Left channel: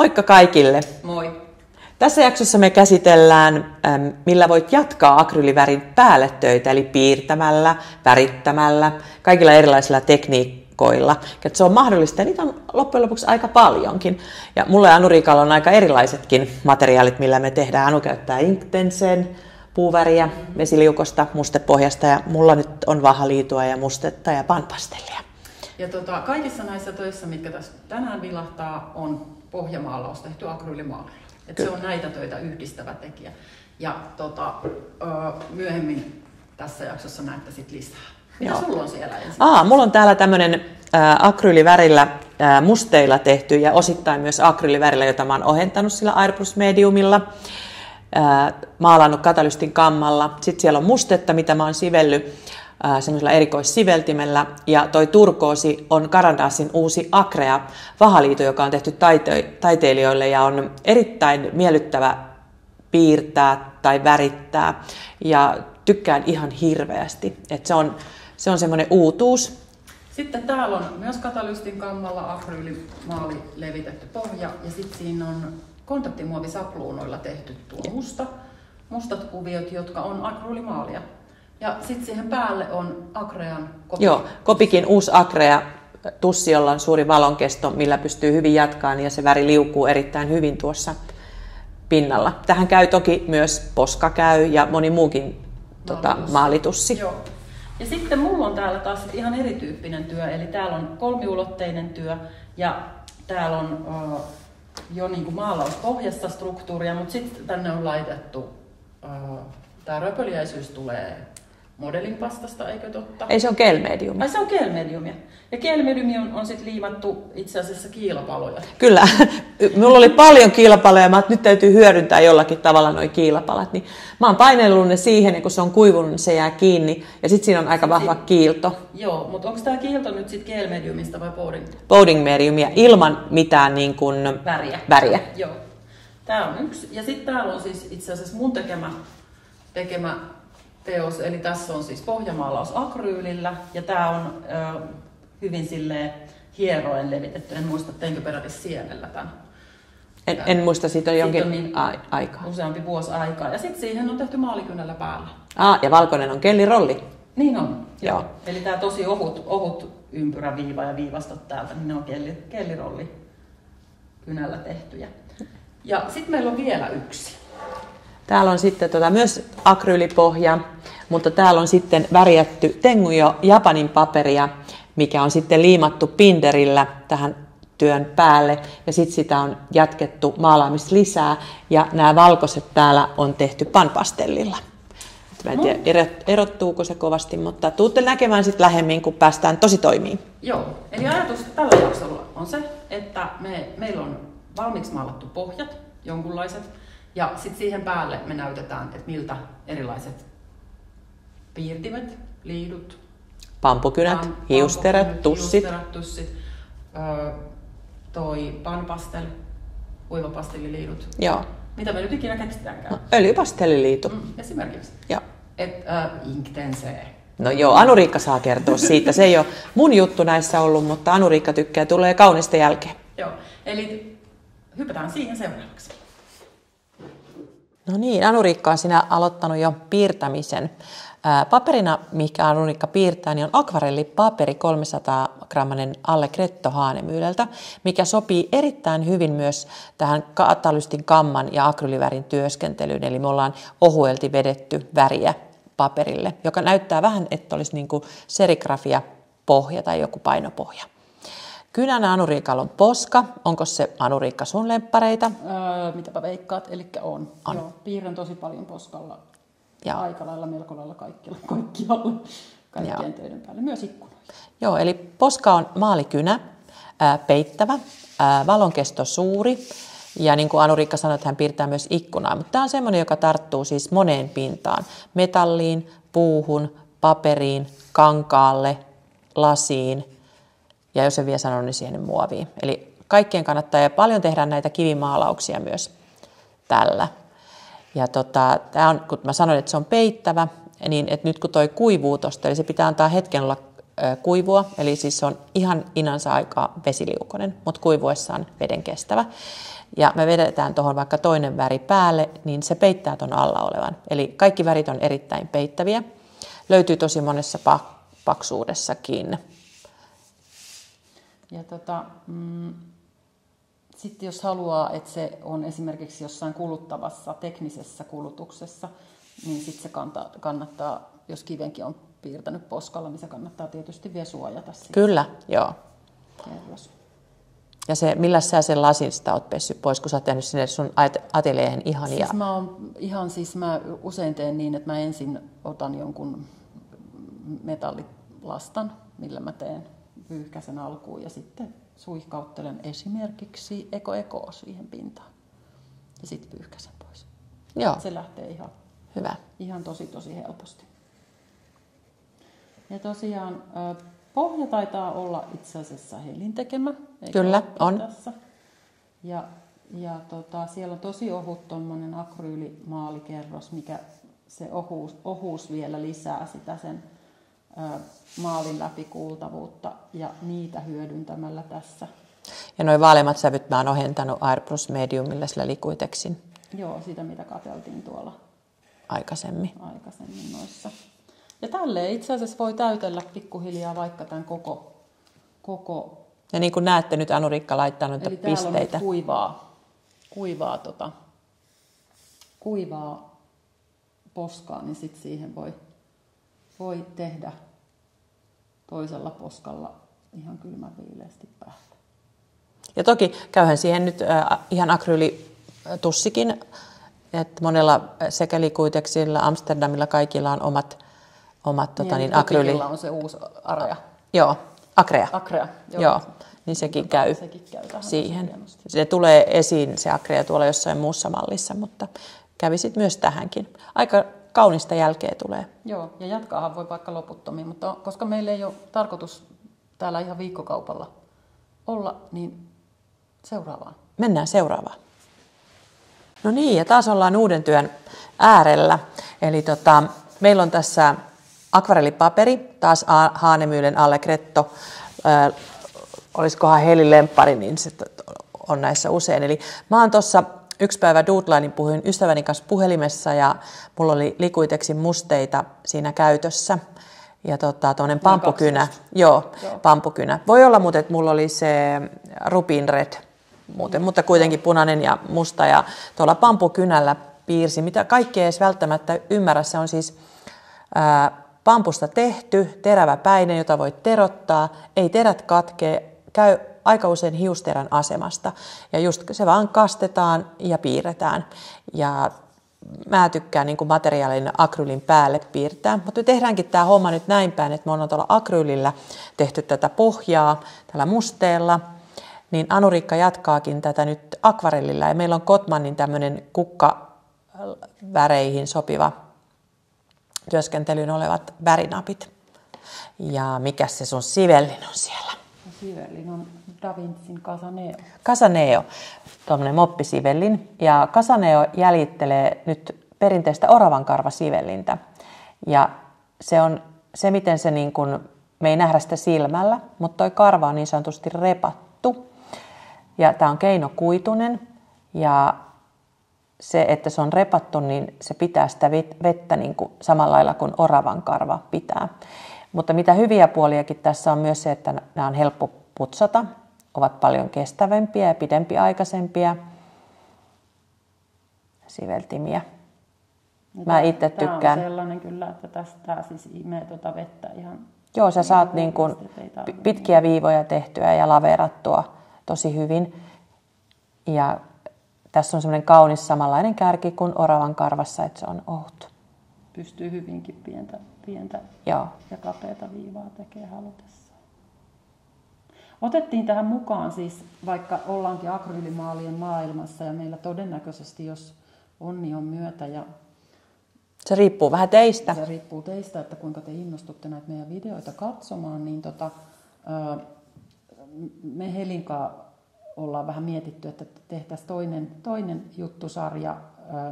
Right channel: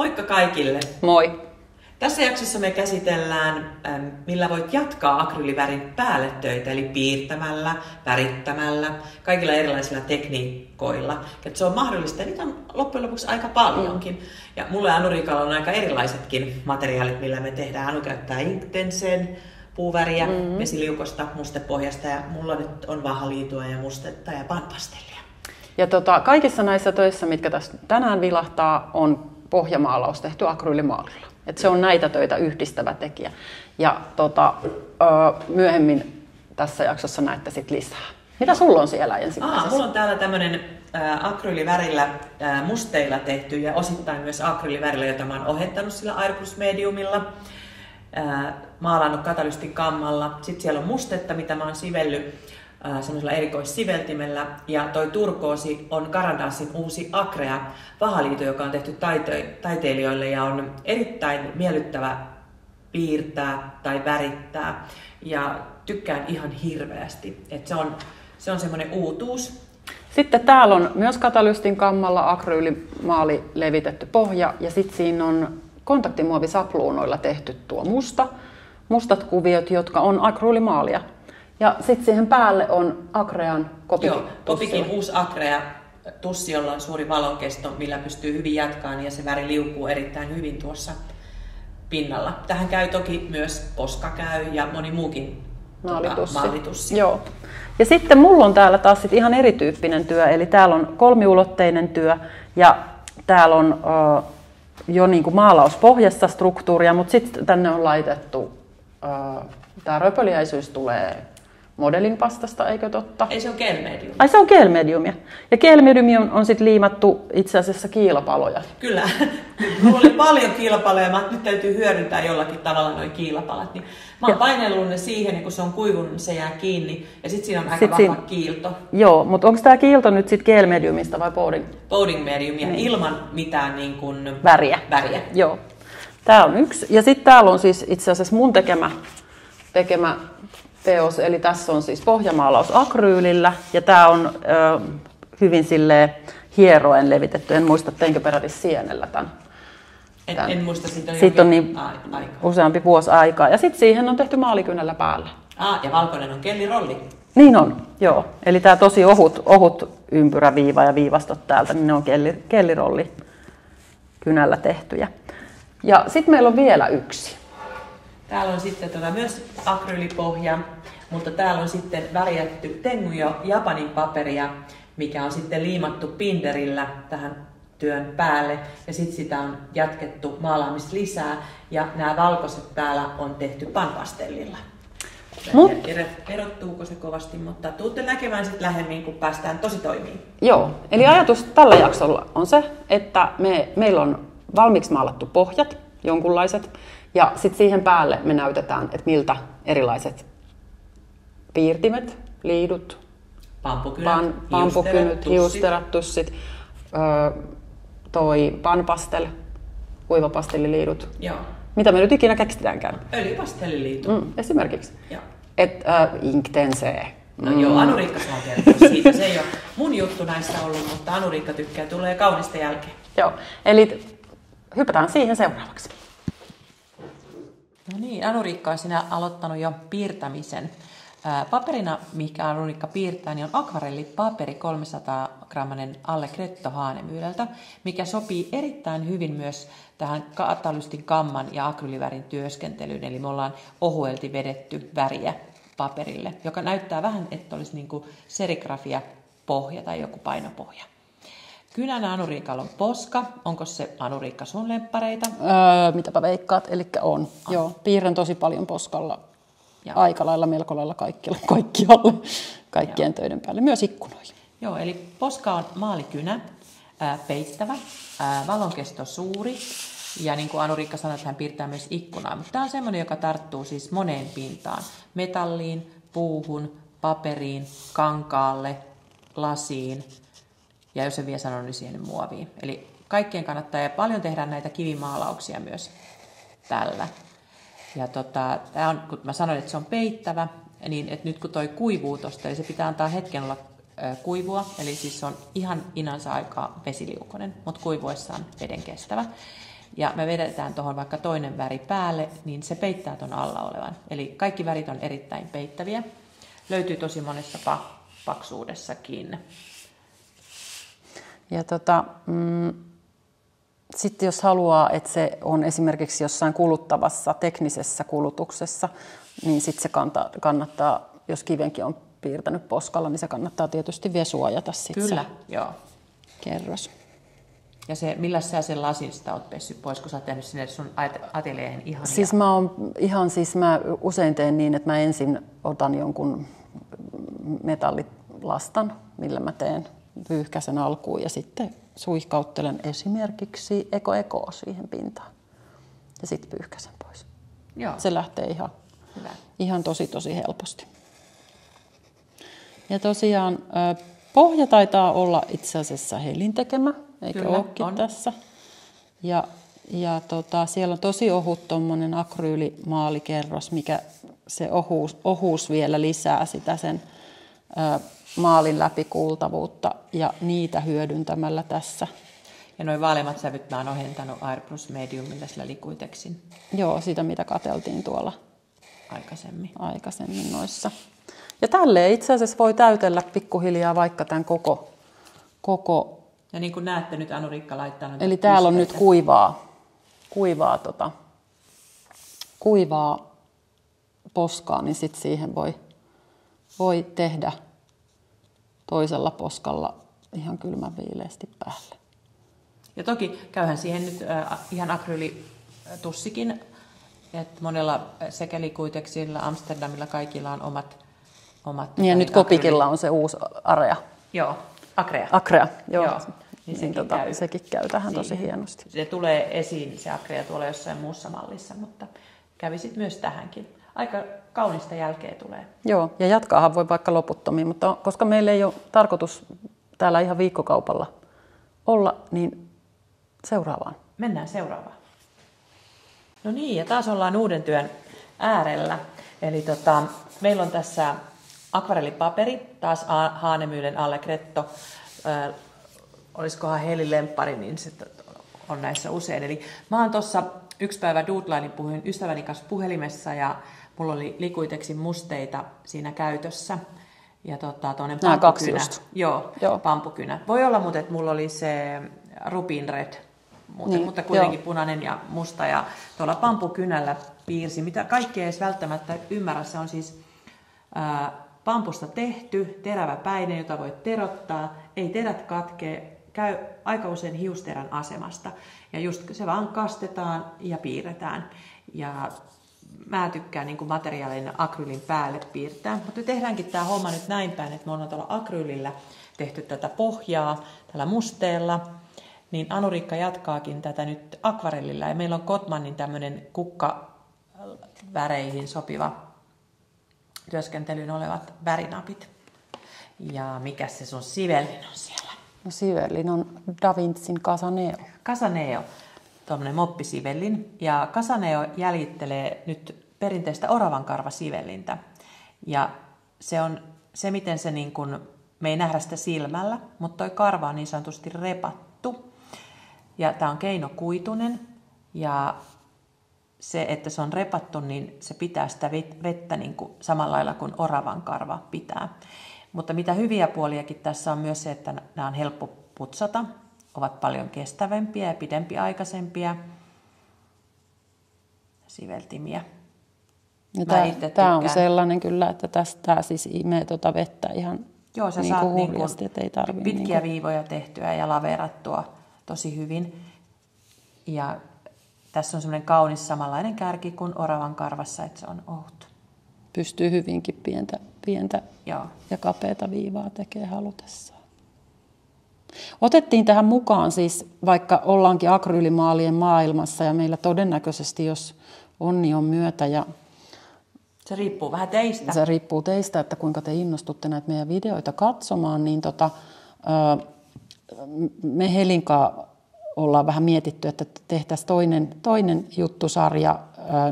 Moikka kaikille! Moi! Tässä jaksossa me käsitellään, millä voit jatkaa akryylivärin päälle töitä, eli piirtämällä, värittämällä, kaikilla erilaisilla tekniikoilla. Että se on mahdollista, ja niitä on loppujen lopuksi aika paljonkin. Ja mulla ja Anu-Riikalla on aika erilaisetkin materiaalit, millä me tehdään. Anu käyttää Inktensen, puuväriä, vesiliukosta, mustepohjasta, ja mulla nyt on vahaliitua ja mustetta ja panpastellia. Ja kaikissa näissä töissä, mitkä tässä tänään vilahtaa, on pohjamaalaus tehty akryylimaalilla. Se on näitä töitä yhdistävä tekijä. Ja myöhemmin tässä jaksossa näette sit lisää. Mitä sulla on siellä ensin? Mulla on täällä tämmönen akryylivärillä musteilla tehty ja osittain myös akryylivärillä, jota mä oon ohentanut sillä Airplus Mediumilla. Maalannut katalystin kammalla. Sitten siellä on mustetta, mitä mä oon sivellyt semmoisella erikoissiveltimellä. Ja toi turkoosi on Carandasin uusi Acrea vahaliito, joka on tehty taiteilijoille ja on erittäin miellyttävä piirtää tai värittää. Ja tykkään ihan hirveästi. Et se on semmoinen uutuus. Sitten täällä on myös katalystin kammalla akryylimaali levitetty pohja ja sitten siinä on kontaktimuovisapluunoilla tehty tuo mustat kuviot, jotka on akryylimaalia. Ja sitten siihen päälle on Acrean kopi. Joo, kopikin uusi Acrea tussi, jolla on suuri valonkesto, millä pystyy hyvin jatkaan ja se väri liukuu erittäin hyvin tuossa pinnalla. Tähän käy toki myös poska käy ja moni muukin maalitussi. Joo. Ja sitten mulla on täällä taas ihan erityyppinen työ, eli täällä on kolmiulotteinen työ ja täällä on jo niinku maalauspohjasta struktuuria, mutta sitten tänne on laitettu, tämä röpöliäisyys tulee modelin pastasta, eikö totta? Ei, se on gel-medium. Ai, se on gel-mediumia. Ja gel-mediumi on sitten liimattu itse asiassa kiilapaloja. Kyllä. Mulla oli paljon kiilapaloja, että nyt täytyy hyödyntää jollakin tavalla nuo kiilapalat. Niin mä oon painellut ne siihen, niin kun se on kuivunut, se jää kiinni. Ja sitten siinä on aika vahva kiilto. Joo, mutta onko tämä kiilto nyt sitten gel-mediumista vai powding? Powding-mediumia, ilman mitään niin kuin väriä. Joo. Tämä on yksi. Ja sitten täällä on siis itse asiassa mun tekemä teos, eli tässä on siis pohjamaalaus akryylillä ja tämä on hyvin silleen hieroen levitetty. En muista, teinkö peräti sienellä tämän. En muista, siitä on jokin niin aika. Useampi vuosi aikaa. Ja sitten siihen on tehty maalikynällä päällä. Ja valkoinen on kellirolli. Niin on, joo. Eli tämä tosi ohut ympyräviiva ja viivastot täältä, niin ne on kellirolli kynällä tehtyjä. Ja sitten meillä on vielä yksi. Täällä on sitten myös akryylipohja, mutta täällä on sitten värjätty Tengujo Japanin paperia, mikä on sitten liimattu binderillä tähän työn päälle. Ja sitten sitä on jatkettu maalaamista lisää. Ja nämä valkoiset täällä on tehty panpastellilla. En tiedä, erottuuko se kovasti, mutta tuutte näkemään sitten lähemmin, kun päästään tosi toimiin. Joo, eli ajatus tällä jaksolla on se, että meillä on valmiiksi maalattu pohjat, jonkunlaiset. Ja sitten siihen päälle me näytetään, että miltä erilaiset piirtimet, liidut, pampukynät, hiusterat, tussit, toi panpastel, kuivapastelliliidut. Joo. Mitä me nyt ikinä keksitäänkään? Öljypastelliliitu. Esimerkiksi. Joo. Inktense. No joo, Anu-Riikka saa kertoa siitä. Se ei ole mun juttu näissä ollut, mutta Anu-Riikka tykkää, tulee kaunista jälkeen. Joo, eli hypätään siihen seuraavaksi. No niin, Anu-Riikka on sinä aloittanut jo piirtämisen. Paperina, mikä Anu-Riikka piirtää, niin on akvarellipaperi 300-grammanen Allegretto Haanemyydältä, mikä sopii erittäin hyvin myös tähän katalystin kamman ja akryylivärin työskentelyyn. Eli me ollaan ohuelti vedetty väriä paperille, joka näyttää vähän, että olisi niin kuin serigrafia pohja tai joku painopohja. Kynänä Anu-Riikalla on poska. Onko se, Anu-Riikka, sun lemppareita? Mitäpä veikkaat? Elikkä on. Joo, piirrän tosi paljon poskalla. Ja aika lailla, melko lailla kaikkialla, kaikkien töiden päälle, myös ikkunoihin. Joo, eli poska on maalikynä, peittävä, valonkesto suuri. Ja niin kuin Anu-Riikka sanoi, että hän piirtää myös ikkunaa. Mutta tämä on semmoinen, joka tarttuu siis moneen pintaan. Metalliin, puuhun, paperiin, kankaalle, lasiin. Ja jos en vielä sano, niin siihen muoviin. Eli kaikkien kannattaa, ja paljon tehdään näitä kivimaalauksia myös tällä. Ja tämä on, kun mä sanoin, että se on peittävä, niin että nyt kun toi kuivuu tosta, eli se pitää antaa hetken olla kuivua, eli siis se on ihan inansa aikaa vesiliukoinen, mutta kuivuessaan veden kestävä. ja me vedetään tuohon vaikka toinen väri päälle, niin se peittää ton alla olevan. Eli kaikki värit on erittäin peittäviä. Löytyy tosi monessa paksuudessakin. Ja sitten jos haluaa, että se on esimerkiksi jossain kuluttavassa teknisessä kulutuksessa, niin sitten se kannattaa, jos kivenkin on piirtänyt poskalla, niin se kannattaa tietysti vielä suojata. Kyllä, joo. Kerros. Ja se, millä sä sen lasista oot pessyt pois, kun sä oot tehnyt sinne sun ateljeen ihania? Siis mä usein teen niin, että mä ensin otan jonkun metallilastan, millä mä teen pyyhkäsen alkuun ja sitten suihkauttelen esimerkiksi ekoa siihen pintaan ja sitten pyyhkäsen pois. Joo. Se lähtee ihan tosi helposti. Ja tosiaan pohja taitaa olla itse asiassa Helin tekemä, eikö Kyllä, olekin on. tässä. Ja siellä on tosi ohut tommonen akryylimaalikerros, mikä se ohuus vielä lisää sitä sen maalin läpikuultavuutta ja niitä hyödyntämällä tässä. Ja nuo vaaleimmat sävyt mä oon ohentanut Airbrush Mediumilla sillä Liquitexin. Joo, sitä mitä katseltiin tuolla aikaisemmin noissa. Ja tälleen itse asiassa voi täytellä pikkuhiljaa vaikka tämän koko. Ja niin kuin näette nyt Anuriikka laittaa noita eli täällä on nyt kuivaa poskaa, niin sitten siihen voi tehdä toisella poskalla ihan kylmän viileästi päälle. Ja toki käyhän siihen nyt ihan akryylitussikin, että monella sekä Liquitexilla, Amsterdamilla kaikilla on omat ja nyt Copicilla on se uusi Area. Joo, Acrea. Joo. Niin sekin käy tähän siihen. tosi hienosti. Se tulee esiin se Acrea tuolla jossain muussa mallissa, mutta kävisit myös tähänkin. Aika kaunista jälkeä tulee. Joo, ja jatkaahan voi vaikka loputtomiin, mutta koska meillä ei ole tarkoitus täällä ihan viikkokaupalla olla, niin seuraavaan. Mennään seuraavaan. No niin, ja taas ollaan uuden työn äärellä. Eli meillä on tässä akvarellipaperi, taas Hahnemühlen Allegretto. Olisikohan Helin lemppari, niin se on näissä usein. Eli mä oon tuossa yksi päivä doodlainin puhuin ystäväni kanssa puhelimessa ja mulla oli Liquitexin musteita siinä käytössä. Ja tuollainen pampukynä. Joo, pampukynä. Voi olla muuten, että mulla oli se Rubin Red, mutta kuitenkin punainen ja musta. Ja tuolla pampukynällä piirsi, mitä kaikki ei edes välttämättä ymmärrä. Se on siis pampusta tehty, teräväpäinen, jota voit terottaa. Ei terät katkee, käy aika usein hiusterän asemasta. Ja just se vaan kastetaan ja piirretään. Ja mä tykkään niin kuin materiaalin akryylin päälle piirtää. Mutta me tehdäänkin tämä homma nyt näin päin, että me ollaan tuolla akryylillä tehty tätä pohjaa tällä musteella. Niin Anuriikka jatkaakin tätä nyt akvarellilla. Ja meillä on Kotmanin tämmöinen kukkaväreihin sopiva työskentelyyn olevat värinapit. Ja mikä se sun sivellin on siellä? No, sivellin on Da Vincin Casaneo. Casaneo, tuommoinen moppisivellin. Ja Casaneo jäljittelee nyt perinteistä oravankarvasivellintä. Ja se on se, miten se niin kuin, me ei nähdä sitä silmällä, mutta toi karva on niin sanotusti repattu. Ja tää on keinokuitunen. Ja se, että se on repattu, niin se pitää sitä vettä niin kuin samalla lailla kuin oravan karva pitää. Mutta mitä hyviä puoliakin tässä on myös se, että nämä on helppo putsata, ovat paljon kestävämpiä ja pidempiaikaisempia siveltimiä. Tämä on sellainen kyllä, että tästä siis imee tuota vettä ihan. Joo, sä saat niin kuin pitkiä niin viivoja tehtyä ja laveerattua tosi hyvin. Ja tässä on semmoinen kaunis samanlainen kärki kuin oravan karvassa, että se on ohut. Pystyy hyvinkin pientä ja kapeata viivaa tekee halutessaan. Otettiin tähän mukaan siis, vaikka ollaankin akryylimaalien maailmassa ja meillä todennäköisesti, jos onni on myötä. Ja se riippuu vähän teistä. Se riippuu teistä, että kuinka te innostutte näitä meidän videoita katsomaan. Niin me Helinkaan ollaan vähän mietitty, että tehtäisiin toinen juttusarja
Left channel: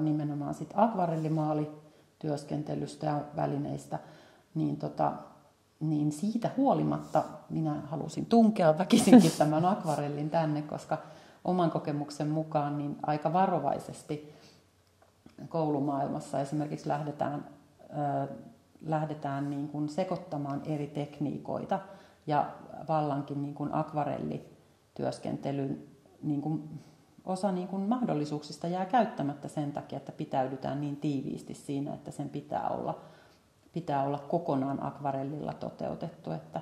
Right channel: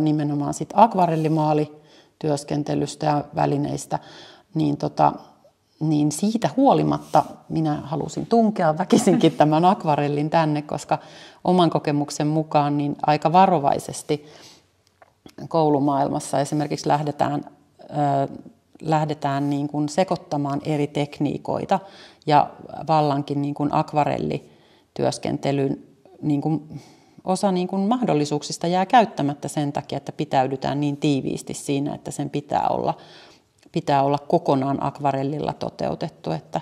nimenomaan sit akvarellimaalityöskentelystä ja välineistä, niin niin siitä huolimatta minä halusin tunkea väkisinkin tämän akvarellin tänne, koska oman kokemuksen mukaan niin aika varovaisesti koulumaailmassa esimerkiksi lähdetään niin kuin sekoittamaan eri tekniikoita ja vallankin niin kuin akvarellityöskentelyn niin kuin osa niin kuin mahdollisuuksista jää käyttämättä sen takia, että pitäydytään niin tiiviisti siinä, että sen pitää olla kokonaan akvarellilla toteutettu, että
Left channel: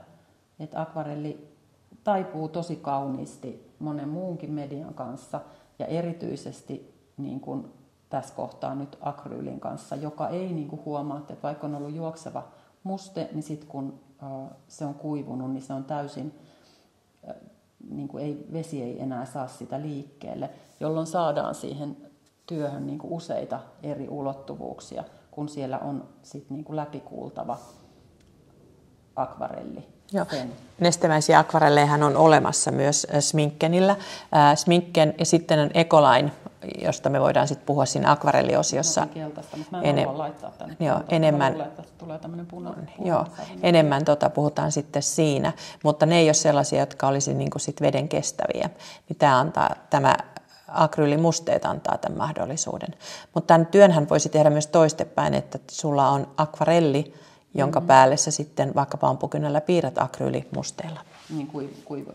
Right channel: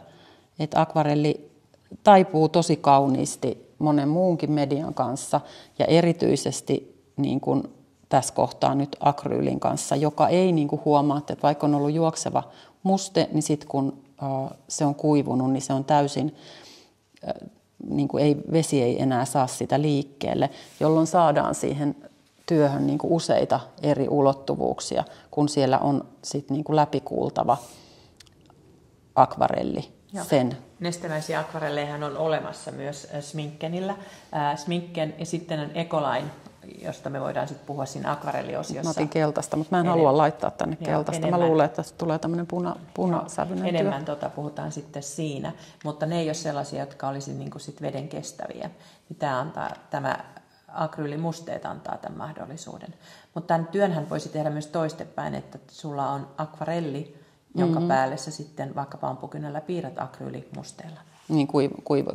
akvarelli taipuu tosi kauniisti monen muunkin median kanssa ja erityisesti niin kuin tässä kohtaa nyt akryylin kanssa, joka ei niin kuin huomaa, että vaikka on ollut juokseva muste, niin sitten kun se on kuivunut, niin se on täysin, niin kuin vesi ei enää saa sitä liikkeelle, jolloin saadaan siihen työhön niin kuin useita eri ulottuvuuksia, kun siellä on sit niin kuin läpikuultava akvarelli. Sen. Nestemäisiä akvarellejahan on olemassa myös Sminkkenillä. Sminken ja sitten on Ecoline, josta me voidaan sitten puhua siinä akvarelliosiossa. Mä otin keltaista, mutta mä en halua laittaa tänne keltaista. Enemmän, mä luulen, että tästä tulee tämmöinen punasävyinen. Enemmän puhutaan sitten siinä, mutta ne ei ole sellaisia, jotka olisi niin kuin sit veden kestäviä. Niin tämä akryylimusteet antaa tämän mahdollisuuden. Mutta tämän työnhän voisi tehdä myös toistepäin, että sulla on akvarelli, jonka päälle sä sitten vaikka pampukynällä piirrät akryylimusteella. Niin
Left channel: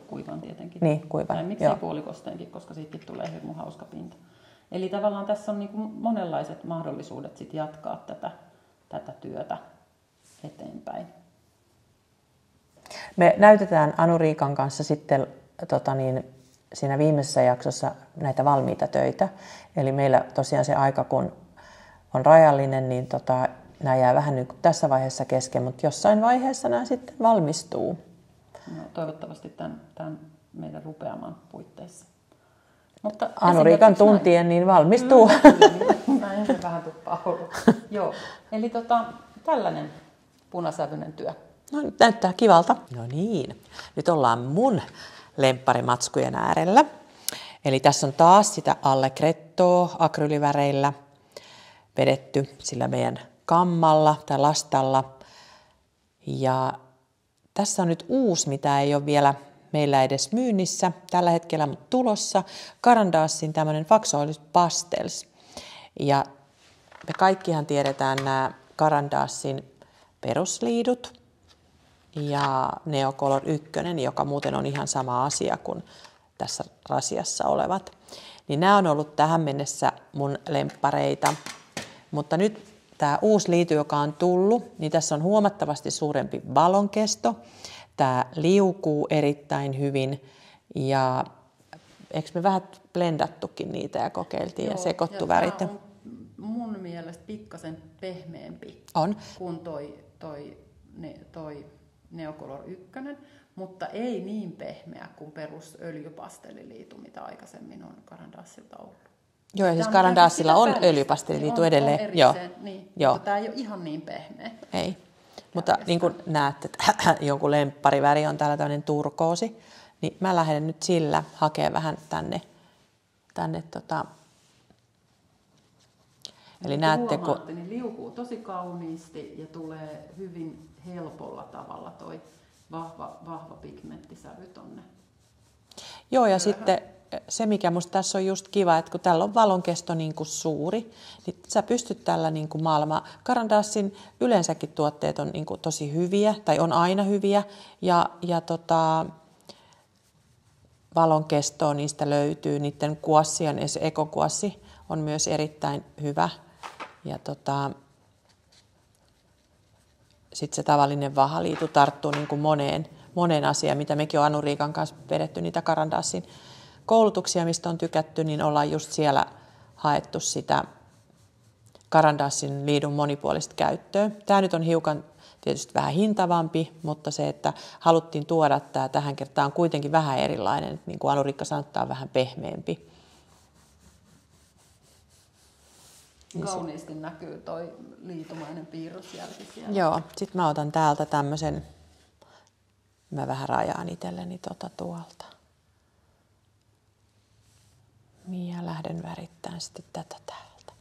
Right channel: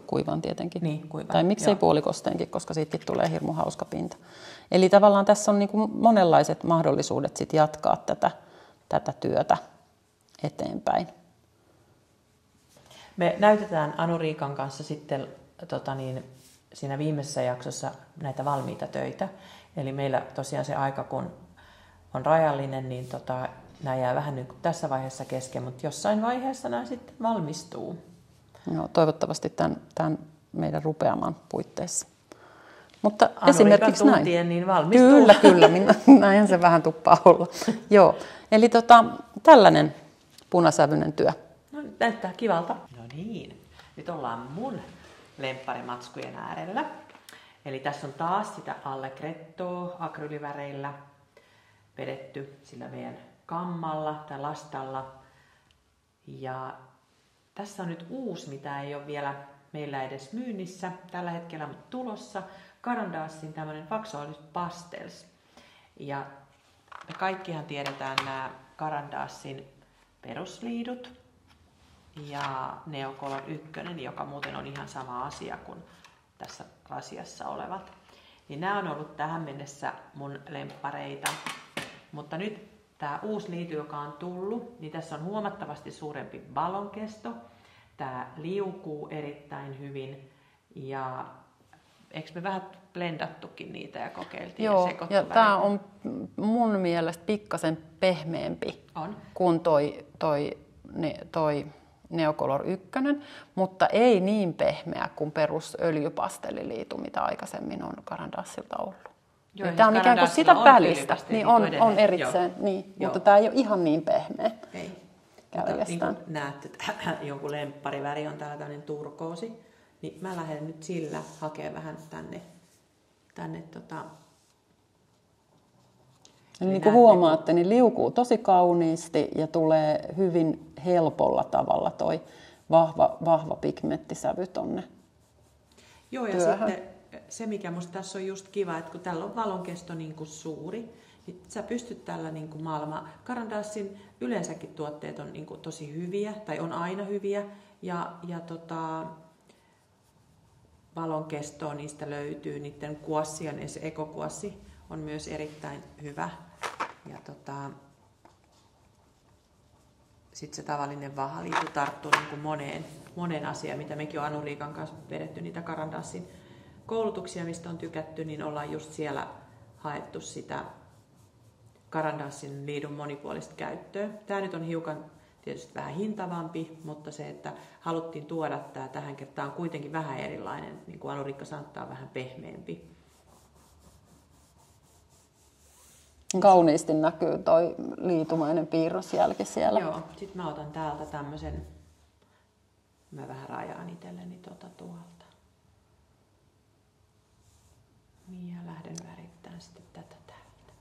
kuivan tietenkin. Niin, kuivan. Tai miksei puolikosteenkin, koska siitäkin tulee hirmu hauska pinta. Eli tavallaan tässä on niin kuin monenlaiset mahdollisuudet sit jatkaa tätä työtä eteenpäin. Me näytetään Anu-Riikan kanssa sitten siinä viimeisessä jaksossa näitä valmiita töitä. Eli meillä tosiaan se aika, kun on rajallinen, niin nämä jää vähän nyt tässä vaiheessa kesken, mutta jossain vaiheessa nämä sitten valmistuu. No, toivottavasti tämän meidän rupeaman puitteissa. Mutta Anu-Riikan tuntien niin valmistuu. Kyllä, näinhän se vähän tuppaa olla. Joo, eli tällainen punasävyinen työ. No, näyttää kivalta. No niin, nyt ollaan mun lempparimatskujen äärellä. Eli tässä on taas sitä allegrettoa akryyliväreillä vedetty sillä meidän kammalla tai lastalla. Ja tässä on nyt uusi, mitä ei ole vielä meillä edes myynnissä tällä hetkellä tulossa. Caran d'Ancyn tämmöinen Faxolis Pastels. Ja me kaikkihan tiedetään nämä Caran d'Ancyn perusliidut ja Neocolor 1, joka muuten on ihan sama asia kuin tässä rasiassa olevat. Niin nämä on ollut tähän mennessä mun lemppareita. Mutta nyt tämä uusi liity, joka on tullut, niin tässä on huomattavasti suurempi valonkesto. Tämä liukuu erittäin hyvin ja eikö me vähän blendattukin niitä ja kokeiltiin ja sekoittu värit? Tämä on mun mielestä pikkasen pehmeämpi kuin toi Neocolor 1, mutta ei niin pehmeä kuin perus öljypastelliliitu, mitä aikaisemmin on Caran d'Ancylta ollut. Joo, ja siis Caran d'Ancylla on öljypastelliliitu edelleen. On erikseen, niin, mutta tämä ei ole ihan niin pehmeä. Ei, mutta niin kuin näette, että jonkun lemppariväri on täällä tämmöinen turkoosi, niin mä lähden nyt sillä hakemaan vähän tänne Eli niin kuin huomaatte, niin liukuu tosi kauniisti ja tulee hyvin helpolla tavalla toi vahva pigmenttisävy tonne. Joo, ja sitten se, mikä musta tässä on just kiva, että kun tällä on valonkesto niin kuin suuri, niin sä pystyt tällä niin kuin maailmaa. Caran d'Ancyn yleensäkin tuotteet on niin kuin tosi hyviä, tai on aina hyviä, ja valonkestoa niistä löytyy. Niiden kuassien, ekokuassi on myös erittäin hyvä. Ja sitten se tavallinen vahaliitu tarttuu niin kuin moneen asiaan, mitä mekin on Anu-Riikan kanssa vedetty niitä Caran d'Ancyn koulutuksia, mistä on tykätty, niin ollaan just siellä haettu sitä Caran d'Ancyn liidun monipuolista käyttöä. Tämä nyt on hiukan tietysti vähän hintavampi, mutta se, että haluttiin tuoda tämä tähän kertaan on kuitenkin vähän erilainen. Niin kuin Anu-Riikka sanoi, tämä on vähän pehmeämpi. Kauniisti näkyy toi liitumainen piirrosjälki siellä. Joo, sitten mä otan täältä tämmöisen, mä vähän rajaan itselleni tuolta. Ja lähden värittämään sitten tätä täältä.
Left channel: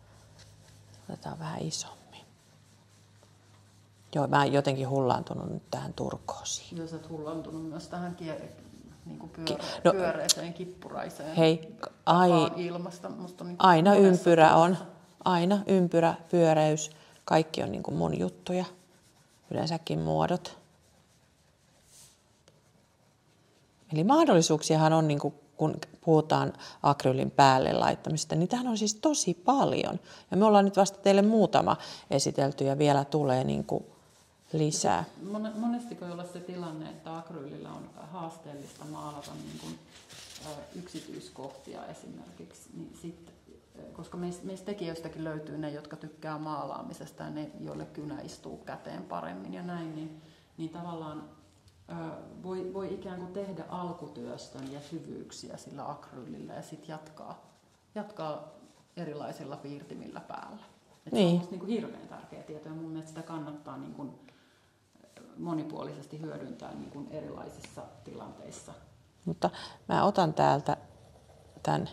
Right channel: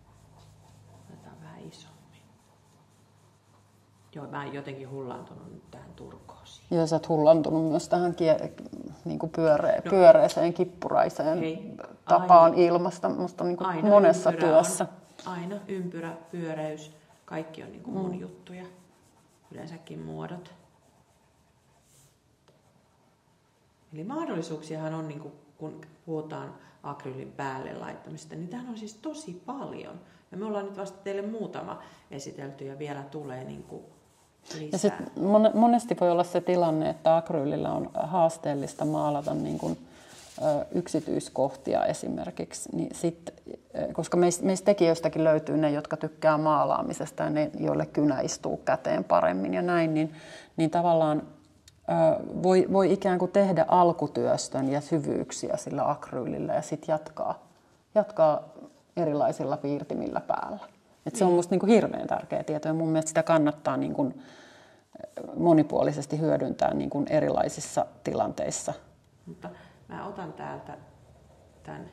Otetaan vähän isommin. Joo, mä oon jotenkin hullaantunut nyt tähän turkoosiin. Ja sä oot hullantunut myös tähän niin pyöreäseen kippuraiseen tapaan ilmasta. Musta niin aina ympyrä työssä. Aina ympyrä, pyöreys, kaikki on niin kuin mun juttuja. Yleensäkin muodot. Eli mahdollisuuksiahan on, niin kuin, kun puhutaan akryylin päälle laittamista, niin tämähän on siis tosi paljon. Ja me ollaan nyt vasta teille muutama esitelty ja vielä tulee niin kuin lisää. Ja monesti voi olla se tilanne, että akryylillä on haasteellista maalata niin kuin, yksityiskohtia esimerkiksi, niin koska meistä tekijöistäkin löytyy ne, jotka tykkää maalaamisesta ja ne, joille kynä istuu käteen paremmin ja näin, niin tavallaan voi ikään kuin tehdä alkutyöstön ja syvyyksiä sillä akryylillä ja sitten jatkaa erilaisilla piirtimillä päällä. Se on musta niin kuin hirveän tärkeä tieto ja mun mielestä sitä kannattaa niin kuin monipuolisesti hyödyntää niin kuin erilaisissa tilanteissa. Mutta mä otan täältä tämän.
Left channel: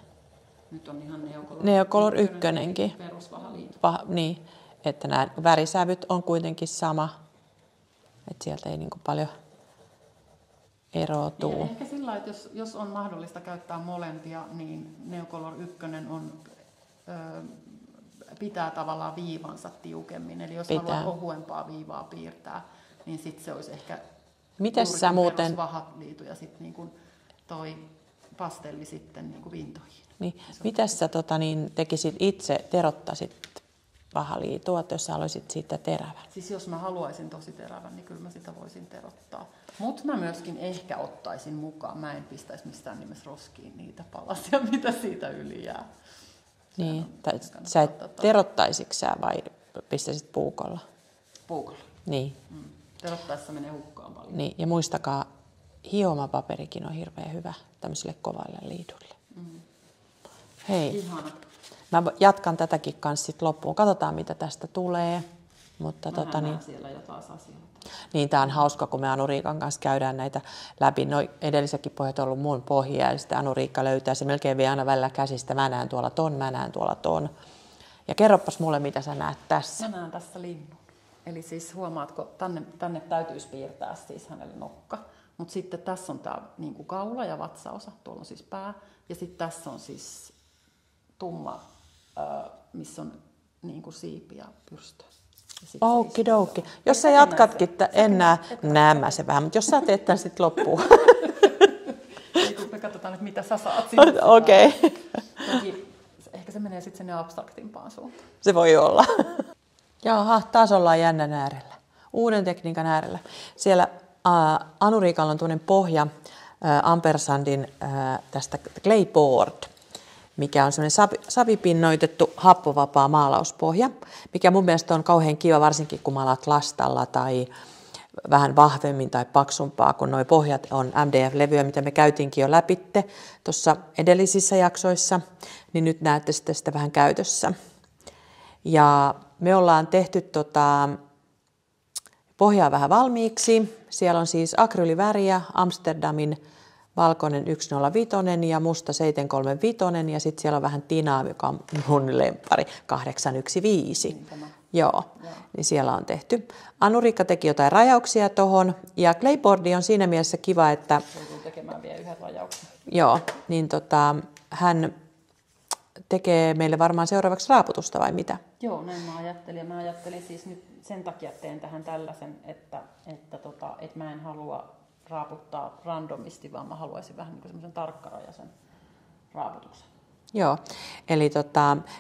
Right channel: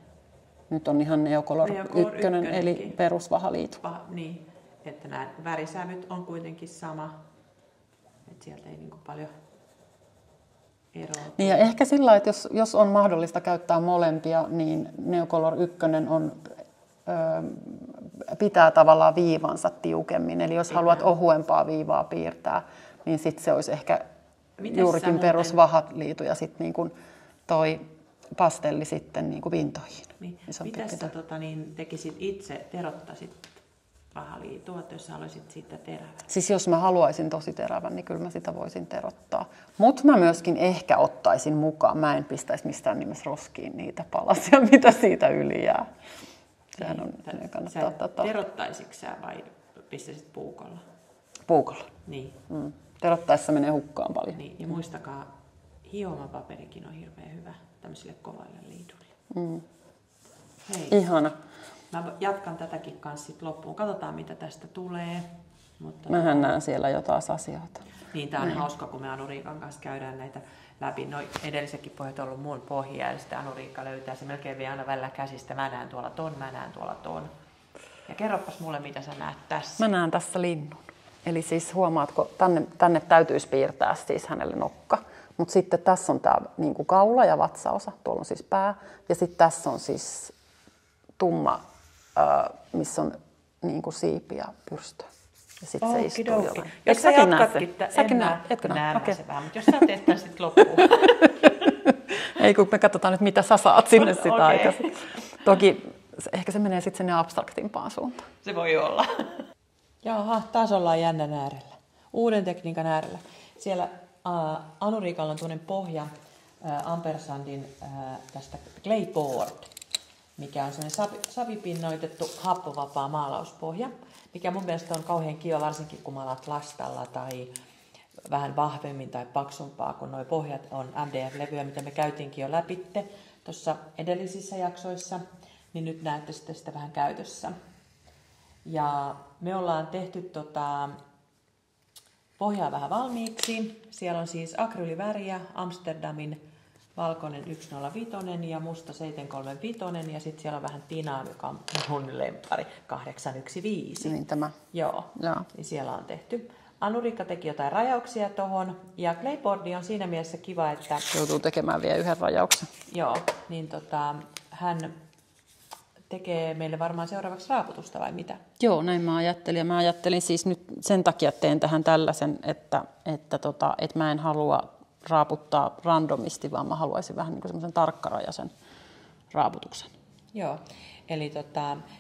Nyt on ihan Neocolor 1 eli perusvahaliitu. Niin, että nämä värisävyt on kuitenkin sama. Että sieltä ei niin kuin paljon eroa niin ja ehkä sillä, että jos on mahdollista käyttää molempia, niin Neocolor 1 pitää tavallaan viivansa tiukemmin. Eli jos haluat ohuempaa viivaa piirtää, niin sitten se olisi ehkä juurikin perusvahaliitu ja sitten niin kuin toi pastelli sitten niin kuin vintoihin. Niin. Mitä sä tekisit itse, terottaisit vahaliitua, jos sä haluaisit siitä terävän? Siis jos mä haluaisin tosi terävän, niin kyllä mä sitä voisin terottaa. Mutta mä myöskin ehkä ottaisin mukaan. Mä en pistäisi mistään nimessä roskiin niitä palasia, mitä siitä yli jää. Niin. Sä terottaisitko sä vai pistäisit puukolla? Puukolla. Niin. Terottaessa menee hukkaan paljon. Niin. Ja muistakaa, hiomapaperikin on hirveän hyvä tämmöiselle kovalle liidulle. Hei. Ihana. Mä jatkan tätäkin kanssa sit loppuun. Katsotaan, mitä tästä tulee. Mutta mähän näen siellä jo taas asioita. Niin, tää on hauska, kun me Anu-Riikan kanssa käydään näitä läpi. No, edellisetkin pohjat on ollut mun pohjia, ja sitten Anu-Riikka löytää se melkein vielä aina välillä käsistä. Mä näen tuolla ton, mä näen tuolla ton. Ja kerropas mulle, mitä sä näet tässä. Mä näen tässä linnun. Eli siis huomaatko, tänne täytyisi piirtää siis hänelle nokka. Mutta sitten tässä on tää niinku kaula ja vatsaosa, tuolla on siis pää. Ja sitten tässä on siis tumma, missä on niinku siipi ja pyrstö. Okidoki. Jos sä jatkatkin, en näe se vähän, mutta jos sä teet tämän sitten loppuun. Ei, kun me katsotaan nyt, mitä sä saat sinne sitä. Okay. Toki ehkä se menee sitten sinne abstraktimpaan suuntaan. Se voi olla. Jaha, taas ollaan jännän äärellä. Uuden tekniikan äärellä. Siellä Anu-Riikalla on tuollainen pohja Ampersandin tästä Clayboard, mikä on semmoinen savipinnoitettu happovapaa maalauspohja, mikä mun mielestä on kauhean kiva, varsinkin kun maalaat lastalla tai vähän vahvemmin tai paksumpaa, kun nuo pohjat on MDF-levyä, mitä me käytiinkin jo läpitte tuossa edellisissä jaksoissa, niin nyt näette sitten sitä vähän käytössä. Ja me ollaan tehty pohjaa vähän valmiiksi. Siellä on siis akryyliväriä, Amsterdamin valkoinen 105 ja musta 735 ja sitten siellä on vähän tinaa, joka on mun lemppari 815. Niin tämä. Joo. Niin siellä on tehty. Anu-Riikka teki jotain rajauksia tuohon ja Clayboardi on siinä mielessä kiva, että joutuu tekemään vielä yhden rajauksen. Joo, niin hän tekee meille varmaan seuraavaksi raaputusta vai mitä? Joo, näin mä ajattelin. Ja mä ajattelin siis nyt sen takia teen tähän tällaisen, että mä en halua raaputtaa randomisti, vaan mä haluaisin vähän niin kuin semmoisen tarkkarajaisen raaputuksen. Joo, eli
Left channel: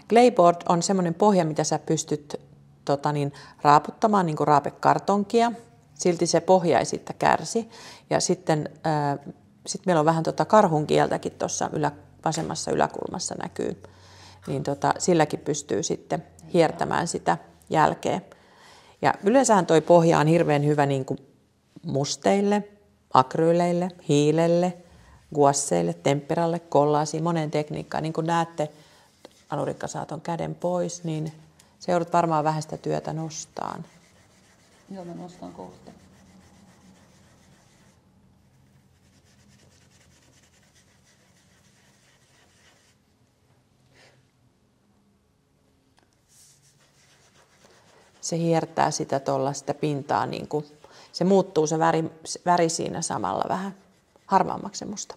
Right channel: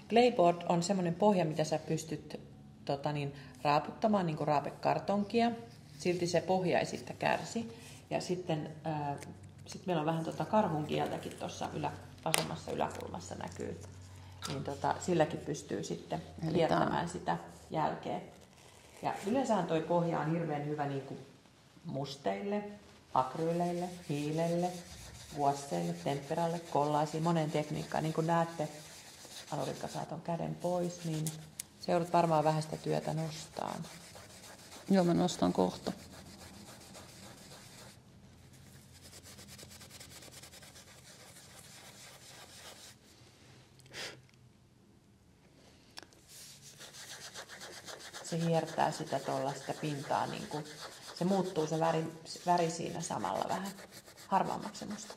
Clayboard on semmoinen pohja, mitä sä pystyt raaputtamaan niin kuin raapekartonkia. Silti se pohja ei siitä kärsi. Ja sitten meillä on vähän karhun kieltäkin tuossa vasemmassa yläkulmassa näkyy. Niin silläkin pystyy sitten hiertämään sitä jälkeä. Ja yleensähän toi pohja on hirveän hyvä niin kuin musteille, akryyleille, hiilelle, guasseille, temperalle, kollaasiin, moneen tekniikkaan. Niin kuin näette, Anu-Riikka saa ton käden pois, niin se joudut varmaan vähän sitä työtä nostaan. Joo, mä nostan kohta. se hiertää sitä tuollaista pintaa, niin kuin, se muuttuu se väri siinä samalla vähän harmaammaksi musta.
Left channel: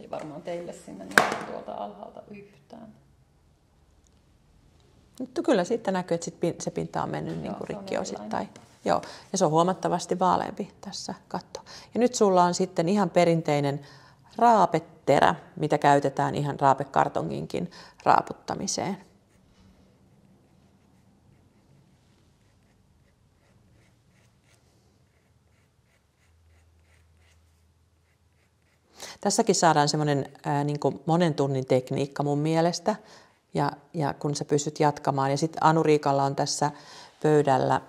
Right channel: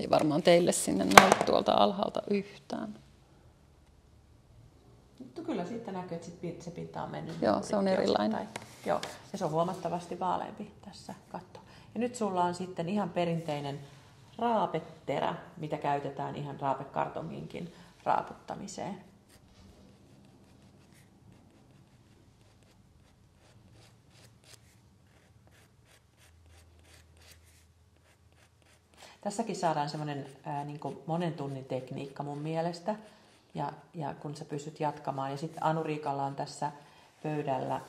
Ei varmaan teille sinne näy tuolta alhaalta yhtään. Mutta kyllä sitten näkyy, että se pinta on mennyt Joo, se on erilainen. Joo, ja se on huomattavasti vaaleampi tässä katto. Ja nyt sulla on sitten ihan perinteinen raapeterä, mitä käytetään ihan raapekartonginkin raaputtamiseen. Tässäkin saadaan semmoinen niin kuin monen tunnin tekniikka mun mielestä, ja kun sä pystyt jatkamaan. Ja sitten Anu-Riikalla on tässä pöydällä